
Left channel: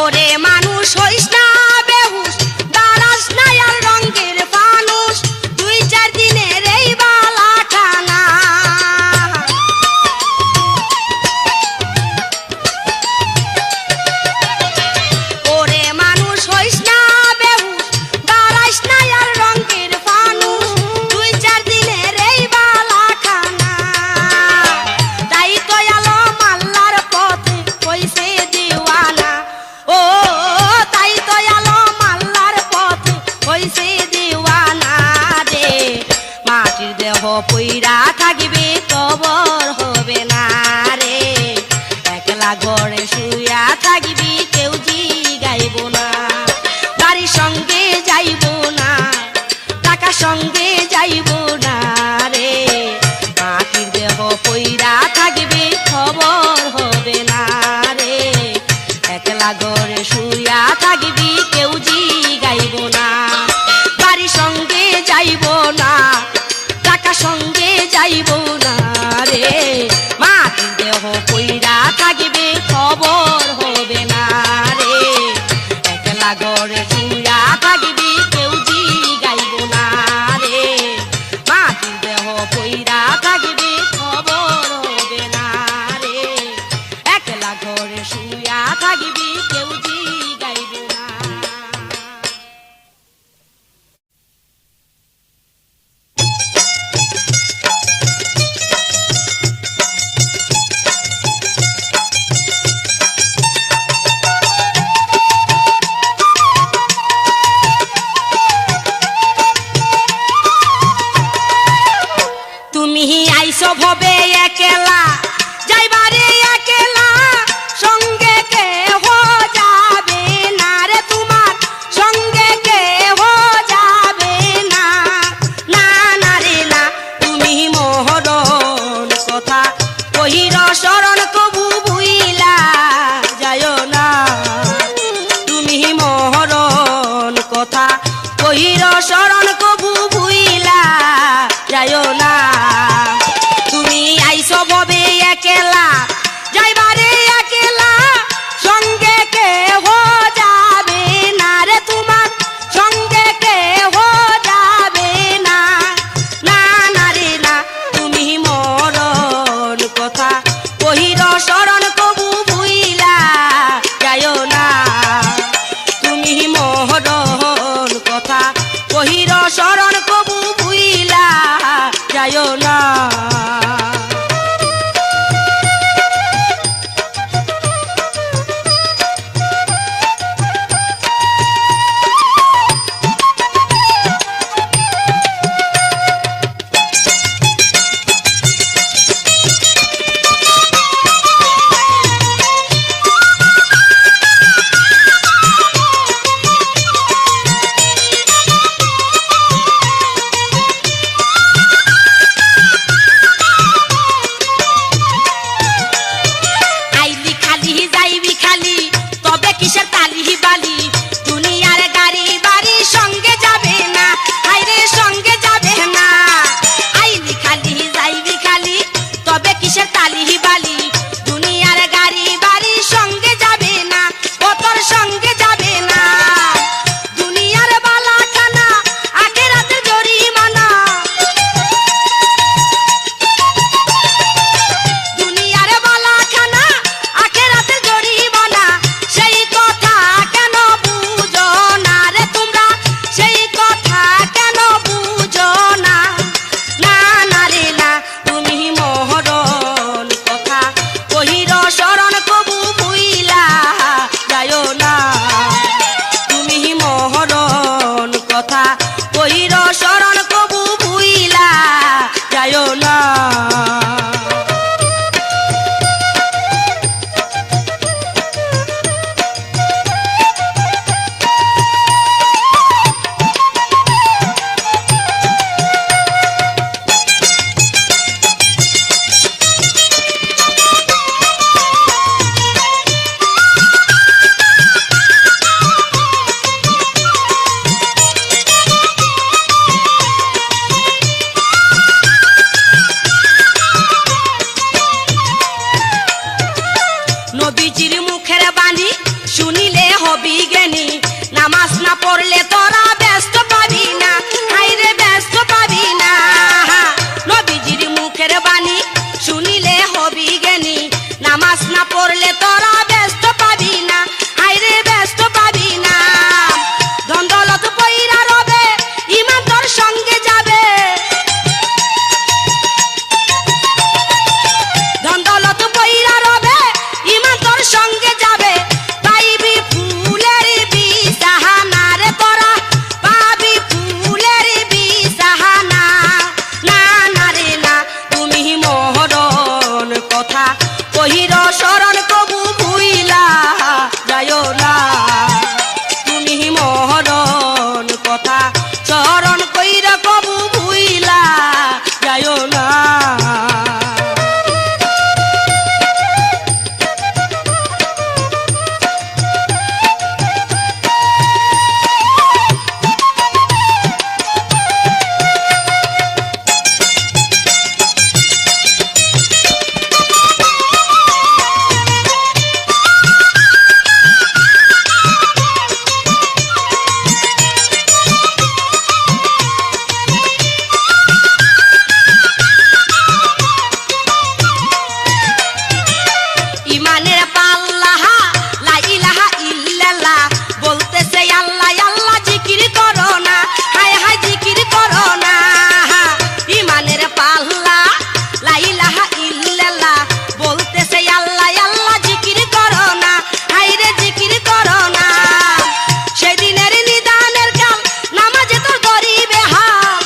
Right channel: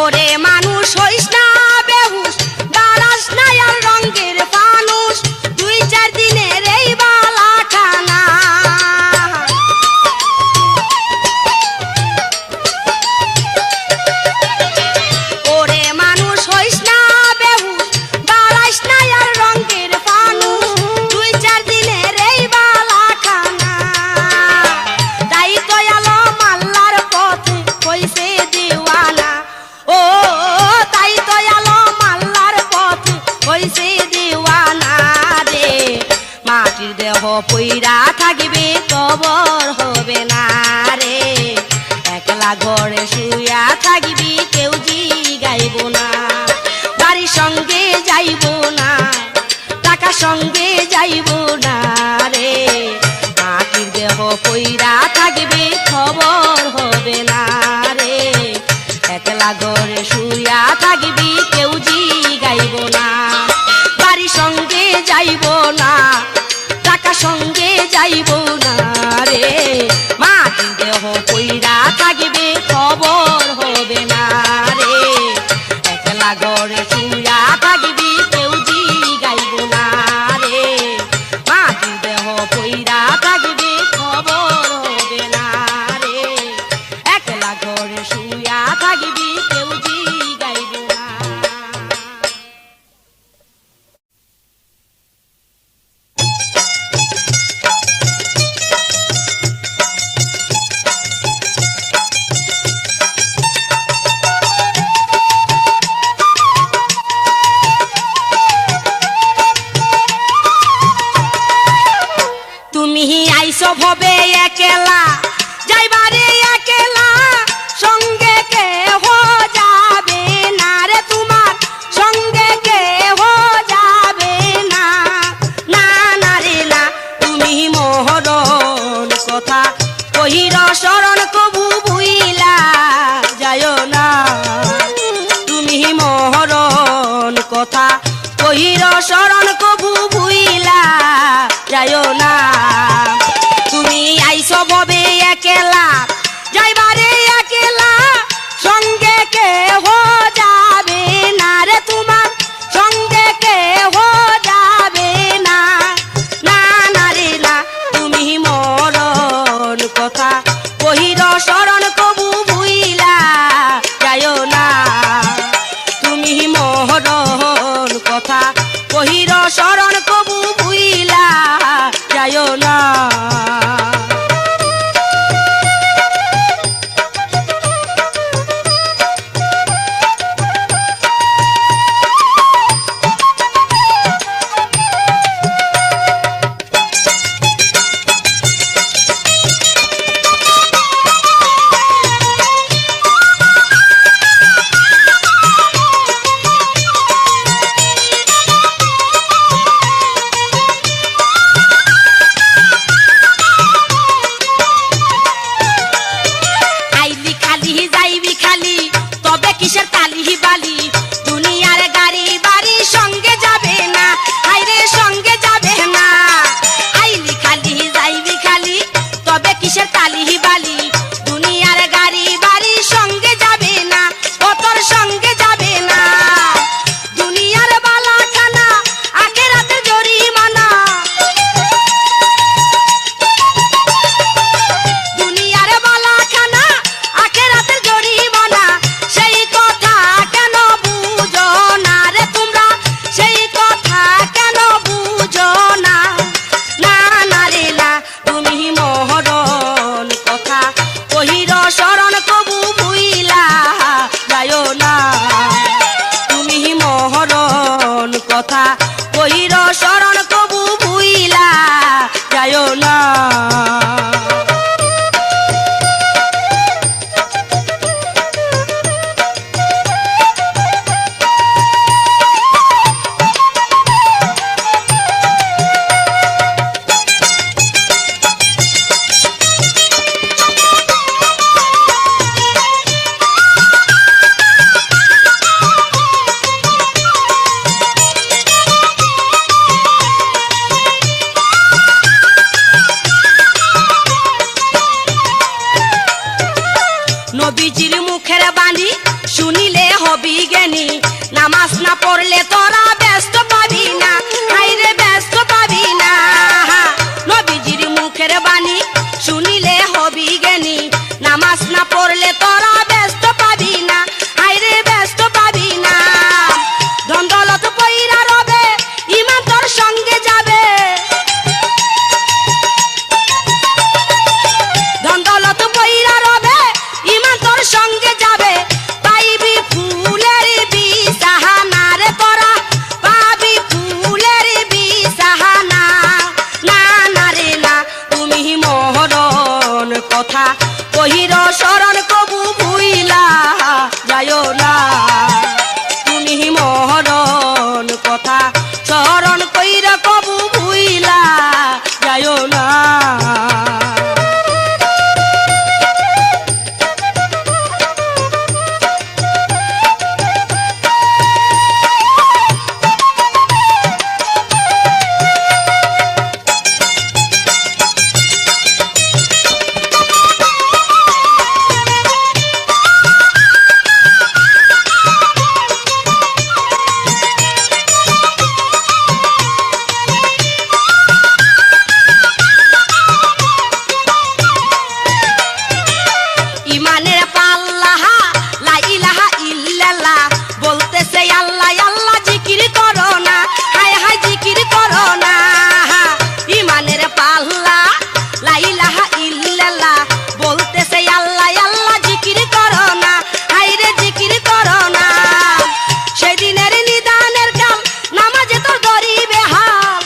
ওরে মানুষ হইস না বেহুশ বাড়াস না আর রঙের ফানুষ 2-4 দিনের এই বালা খানা ওরে মানুষ হইস না বেহুশ বাড়াস না আর রঙের ফানুষ 2-4 দিনের এই বালা খানা তাই তো আলম আল্লাহর পথে কইছে দিওয়ানা ও তাই তো আলম আল্লাহর পথে হইছে দিওয়ানা রে মাটির দেহ পইরা থাকিবে কবর হবে না রে একলা ঘরে শুয়া থাকিবি কেউ জিগাইব না বাড়ির সঙ্গে যাইব না টাকা সঙ্গে যাইব না রে মাটির দেহ পইরা থাকিবে খবর হবে না রে একলা ঘরে শুয়া থাকিবি কেউ জিগাইব না বাড়ির সঙ্গে যাইব না টাকা সঙ্গে যাইব না রে মাটির দেহ পইরা থাকিবে খবর হবে না রে একলা ঘরে শুয়া থাকিবি কেউ জিগাইব না রে মাটির দেহ পইরা থাকিবে খবর হবে না রে একলা ঘরে শুয়া থাকিবি কেউ জিগাইব না নবীজির মুখের বাণী শুনিলে হবি জ্ঞানী নামাজ না পড়লে তোরা ব্যস্ত পাবি না আইরে ব্যস্ত পাবি না নবীজির মুখের বাণী শুনিলে হবি জ্ঞানী নামাজ না পড়লে তোরা ব্যস্ত পাবি না আইরে ব্যস্ত পাবি না ধন দৌলত পয়রা রবে ইমান তোর সঙ্গে যাবে ধন দৌলত পয়রা রবে ইমান তোর সঙ্গে যাবে পাইবি ফুলের বিছানা রে তোরা পাবি ফুলের বিছানা না না রে না তুমি মহরণ কথা কহির শরণ কবু ভুইলা যায়ও না তুমি মহরণ কথা শরণ কইরা কবু ভুইলা যায়ও না ইমানের পাল্লাহ লা ইলাহা ইল্লাল্লাহ বলতেছে আল্লাহ আল্লাহ জিকির করো না হায় হায় জিকির করো না ইমানের পাল্লা লা ইলাহা ইল্লাল্লাহ বলতেছে আল্লাহ আল্লাহ জিকির করো না হায় রে জিকির করো না সেদিনের নিদানের কাল নামাজে তোর দরিবে হাল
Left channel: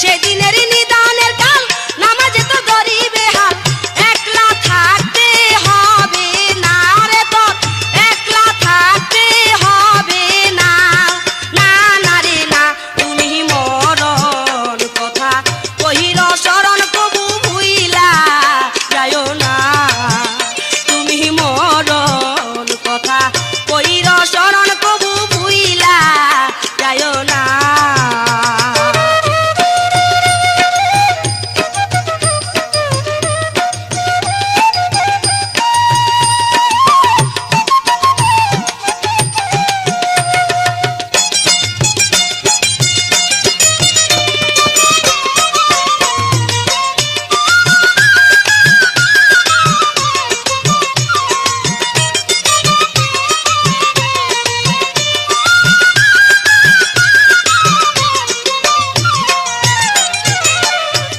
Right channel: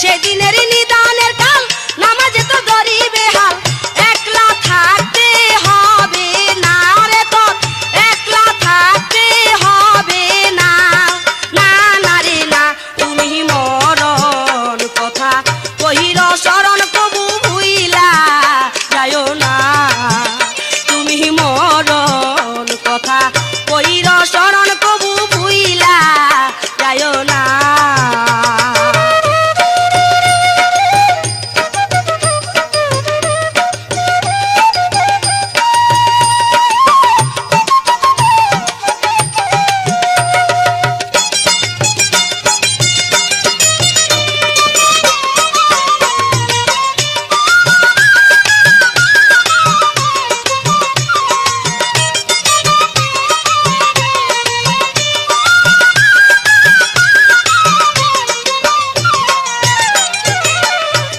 সেদিনের নিদানের কাল নামাজে তো দরিবে হাল একলা থাকতে হবে না রে তোর একলা থাকতে হবে না না না রে না তুমি মরণ কথা কহির শরণ কবু ভুইলা যায়ও না তুমি মরণ কথা কহির শরণ কবু ভুইলা যায়ও না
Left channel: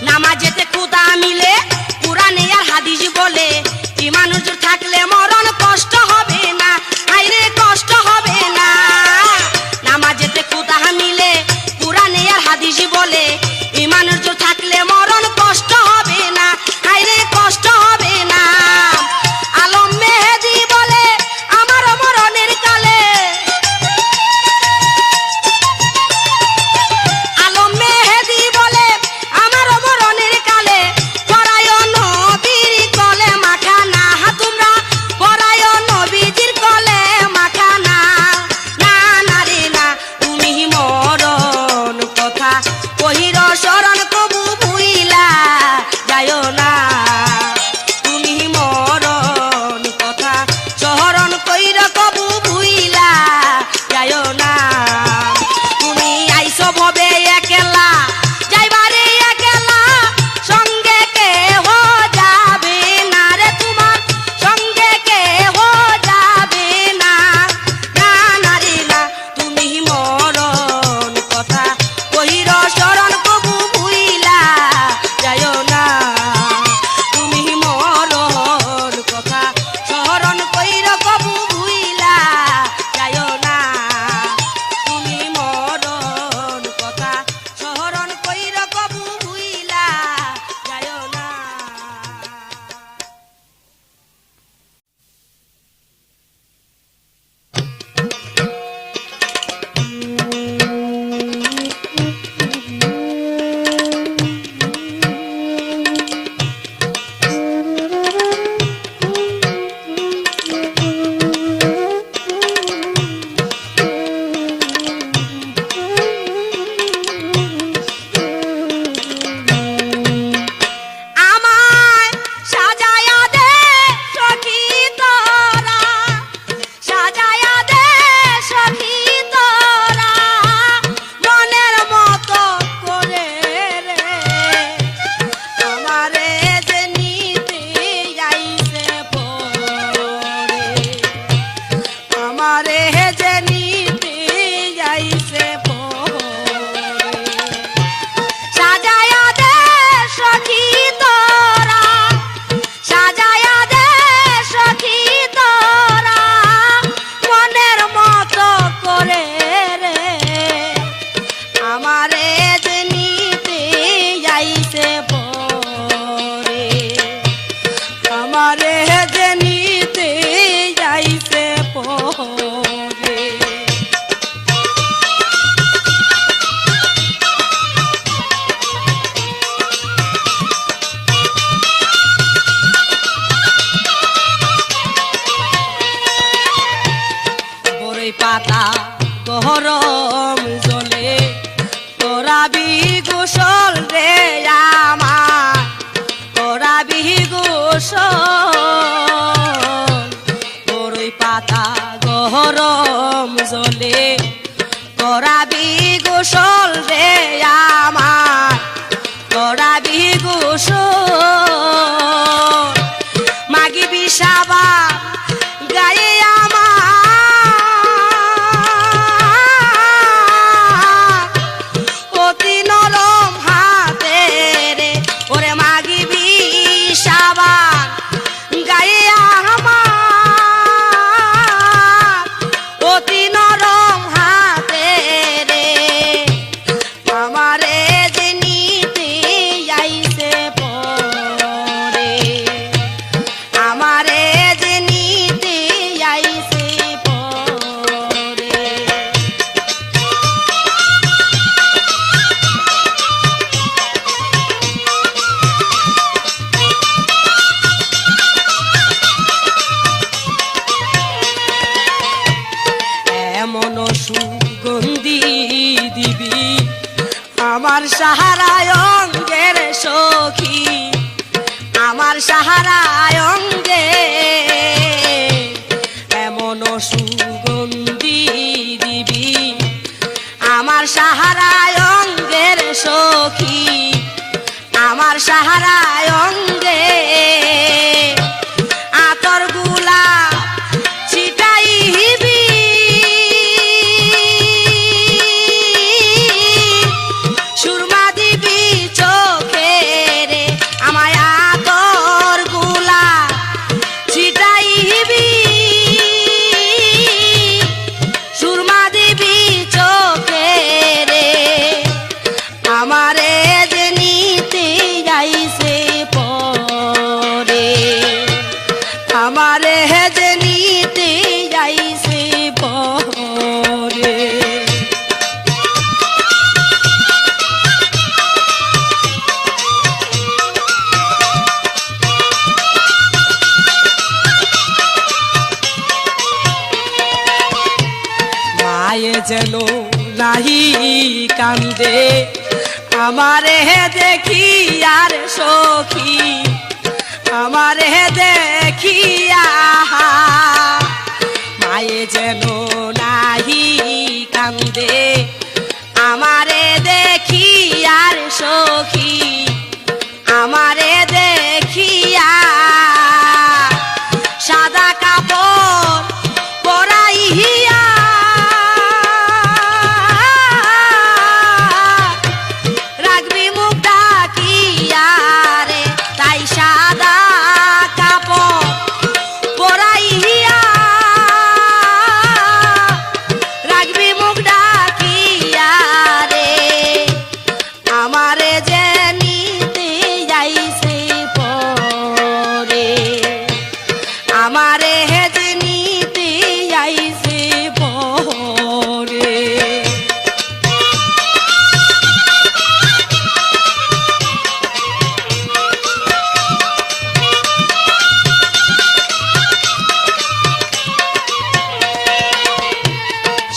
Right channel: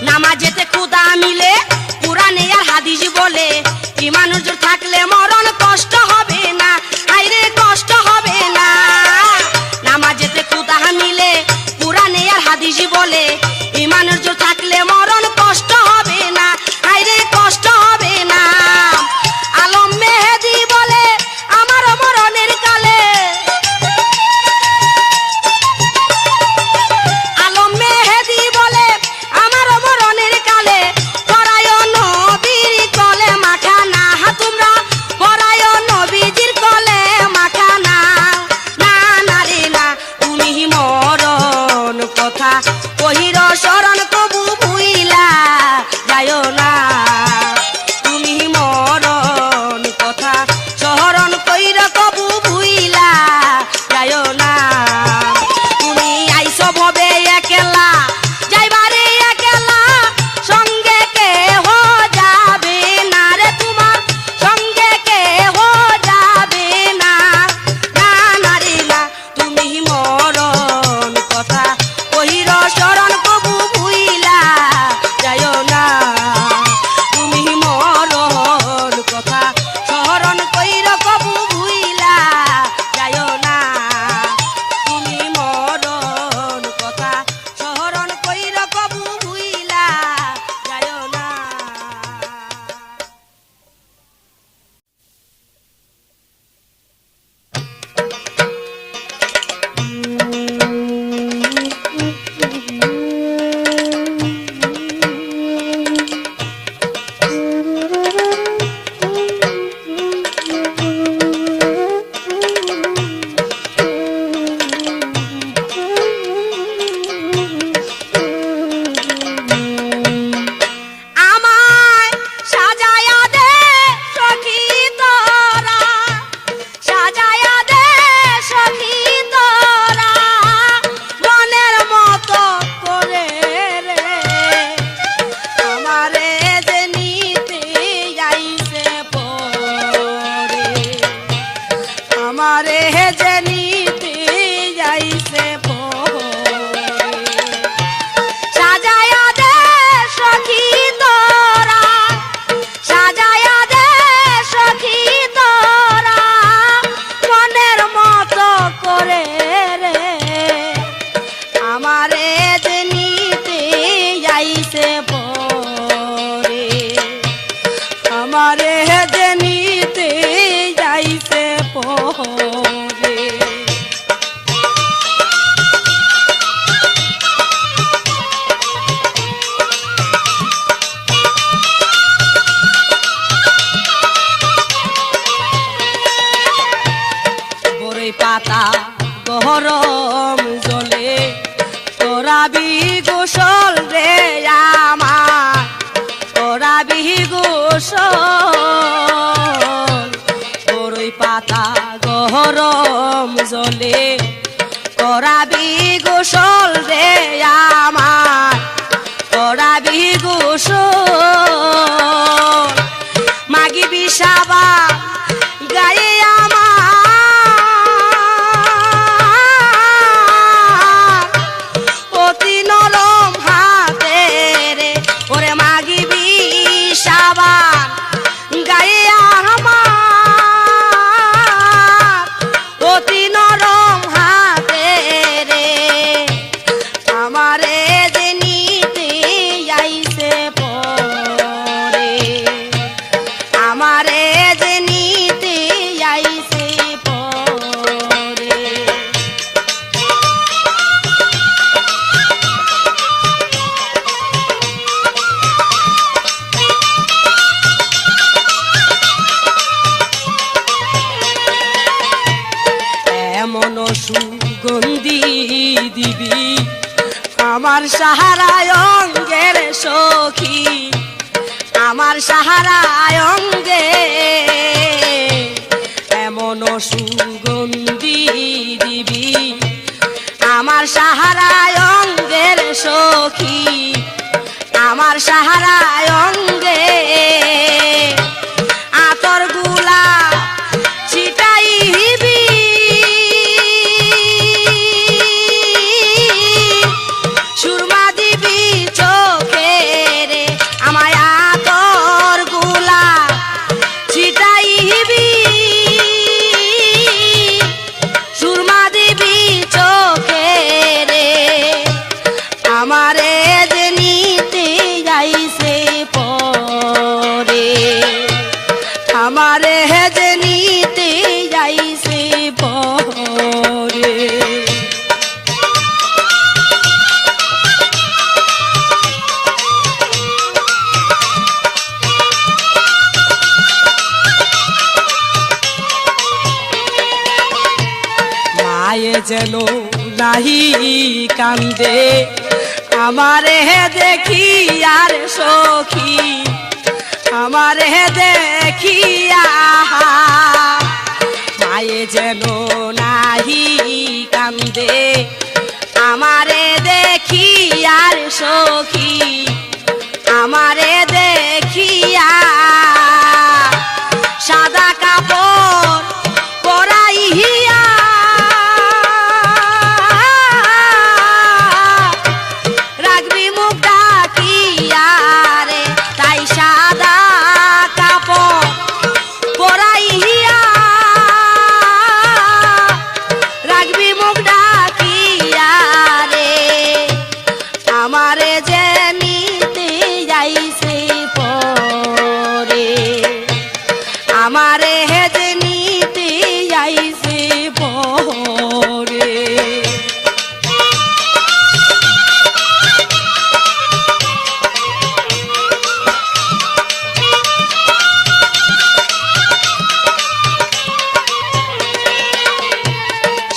নামাজেতে খুদা মিলে কুরআনে আর হাদিস বলে ঈমান হুজুর থাকলে মরণ কষ্ট হবে না আইরে কষ্ট হবে না নামাজেতে খুদা মিলে কুরআনে আর হাদিস বলে ঈমান হুজুর থাকলে মরণ কষ্ট হবে না আইরে কষ্ট হবে না আলম মেহেদি বলে আমার মরণের কালে আলম মেহেদি বলে আমার মরণের কালে পরায় নবীর কলে মাখা না তোমরা আমারে যে নিতে যাইছে পরে বড়ই পাতা গরম জলে তোরাবি গোসল রে আমার তোরাবি গোসল বড়ই পাতা গরম জলে তোরাবি গোসল রে আমার তোরাবি গোসল মাগি বিষাবা গায়ে আমার অতি নরম হাতে রে ওরে মাগি বিষাবান গায়ে আমার অতি নরম হাতে রে আমারে যে নিতে আইছে পরে আমারে যে নিতে আইছে পরে এমন সুগন্ধি দিবি আমার সাহারায় অঙ্গের সখী আমার সাহারায় অঙ্গে এমন সুগন্ধি দিবি আমার সাহারায় অঙ্গের সখী আমার সাহারায় অঙ্গে আতর গোলাপ ছিটাইবি সুরমা দিবি চোখে রে আমায় আতর গোলাপ ছিটাইবি সুরমা দিবি চোখে রে আমারে যে নিতে যাইছে পরে আমারে যে নিতে যাইছে পরে মায়ে যেন নাহি কান্দে আমারে দেখি আর সখী আমারে দেখিয়া মায়ে যেন নাহি কান্দে আমারে দেখি আর সখী আমারে দেখিয়া সাদা কাপড় পরাইয়া রাখবি মুখ ডাকিয়া রে তাই সাদা কাপড় পরাইয়া রাখবি মুখ ডাকিয়া রে আমারে যে নিতে যাইছে পরে আমারে যে নিতে যাইছে পরে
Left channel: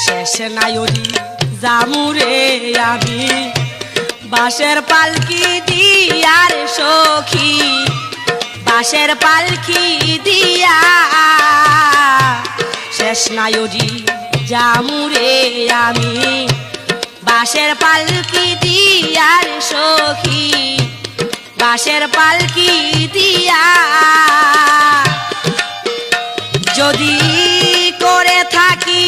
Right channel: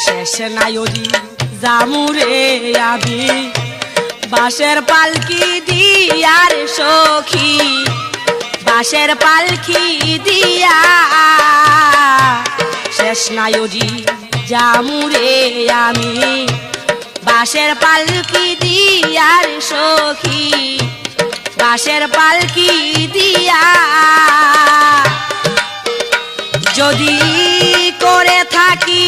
শেষ নায়রি জামুরে আমি বাঁশের পালকি দিয়ার সখী বাঁশের পালকি দিয়া শেষ নায়রি জামুরে আমি বাঁশের পালকি দিয়ার সখী বাঁশের পালকি দিয়া যদি করে থাকি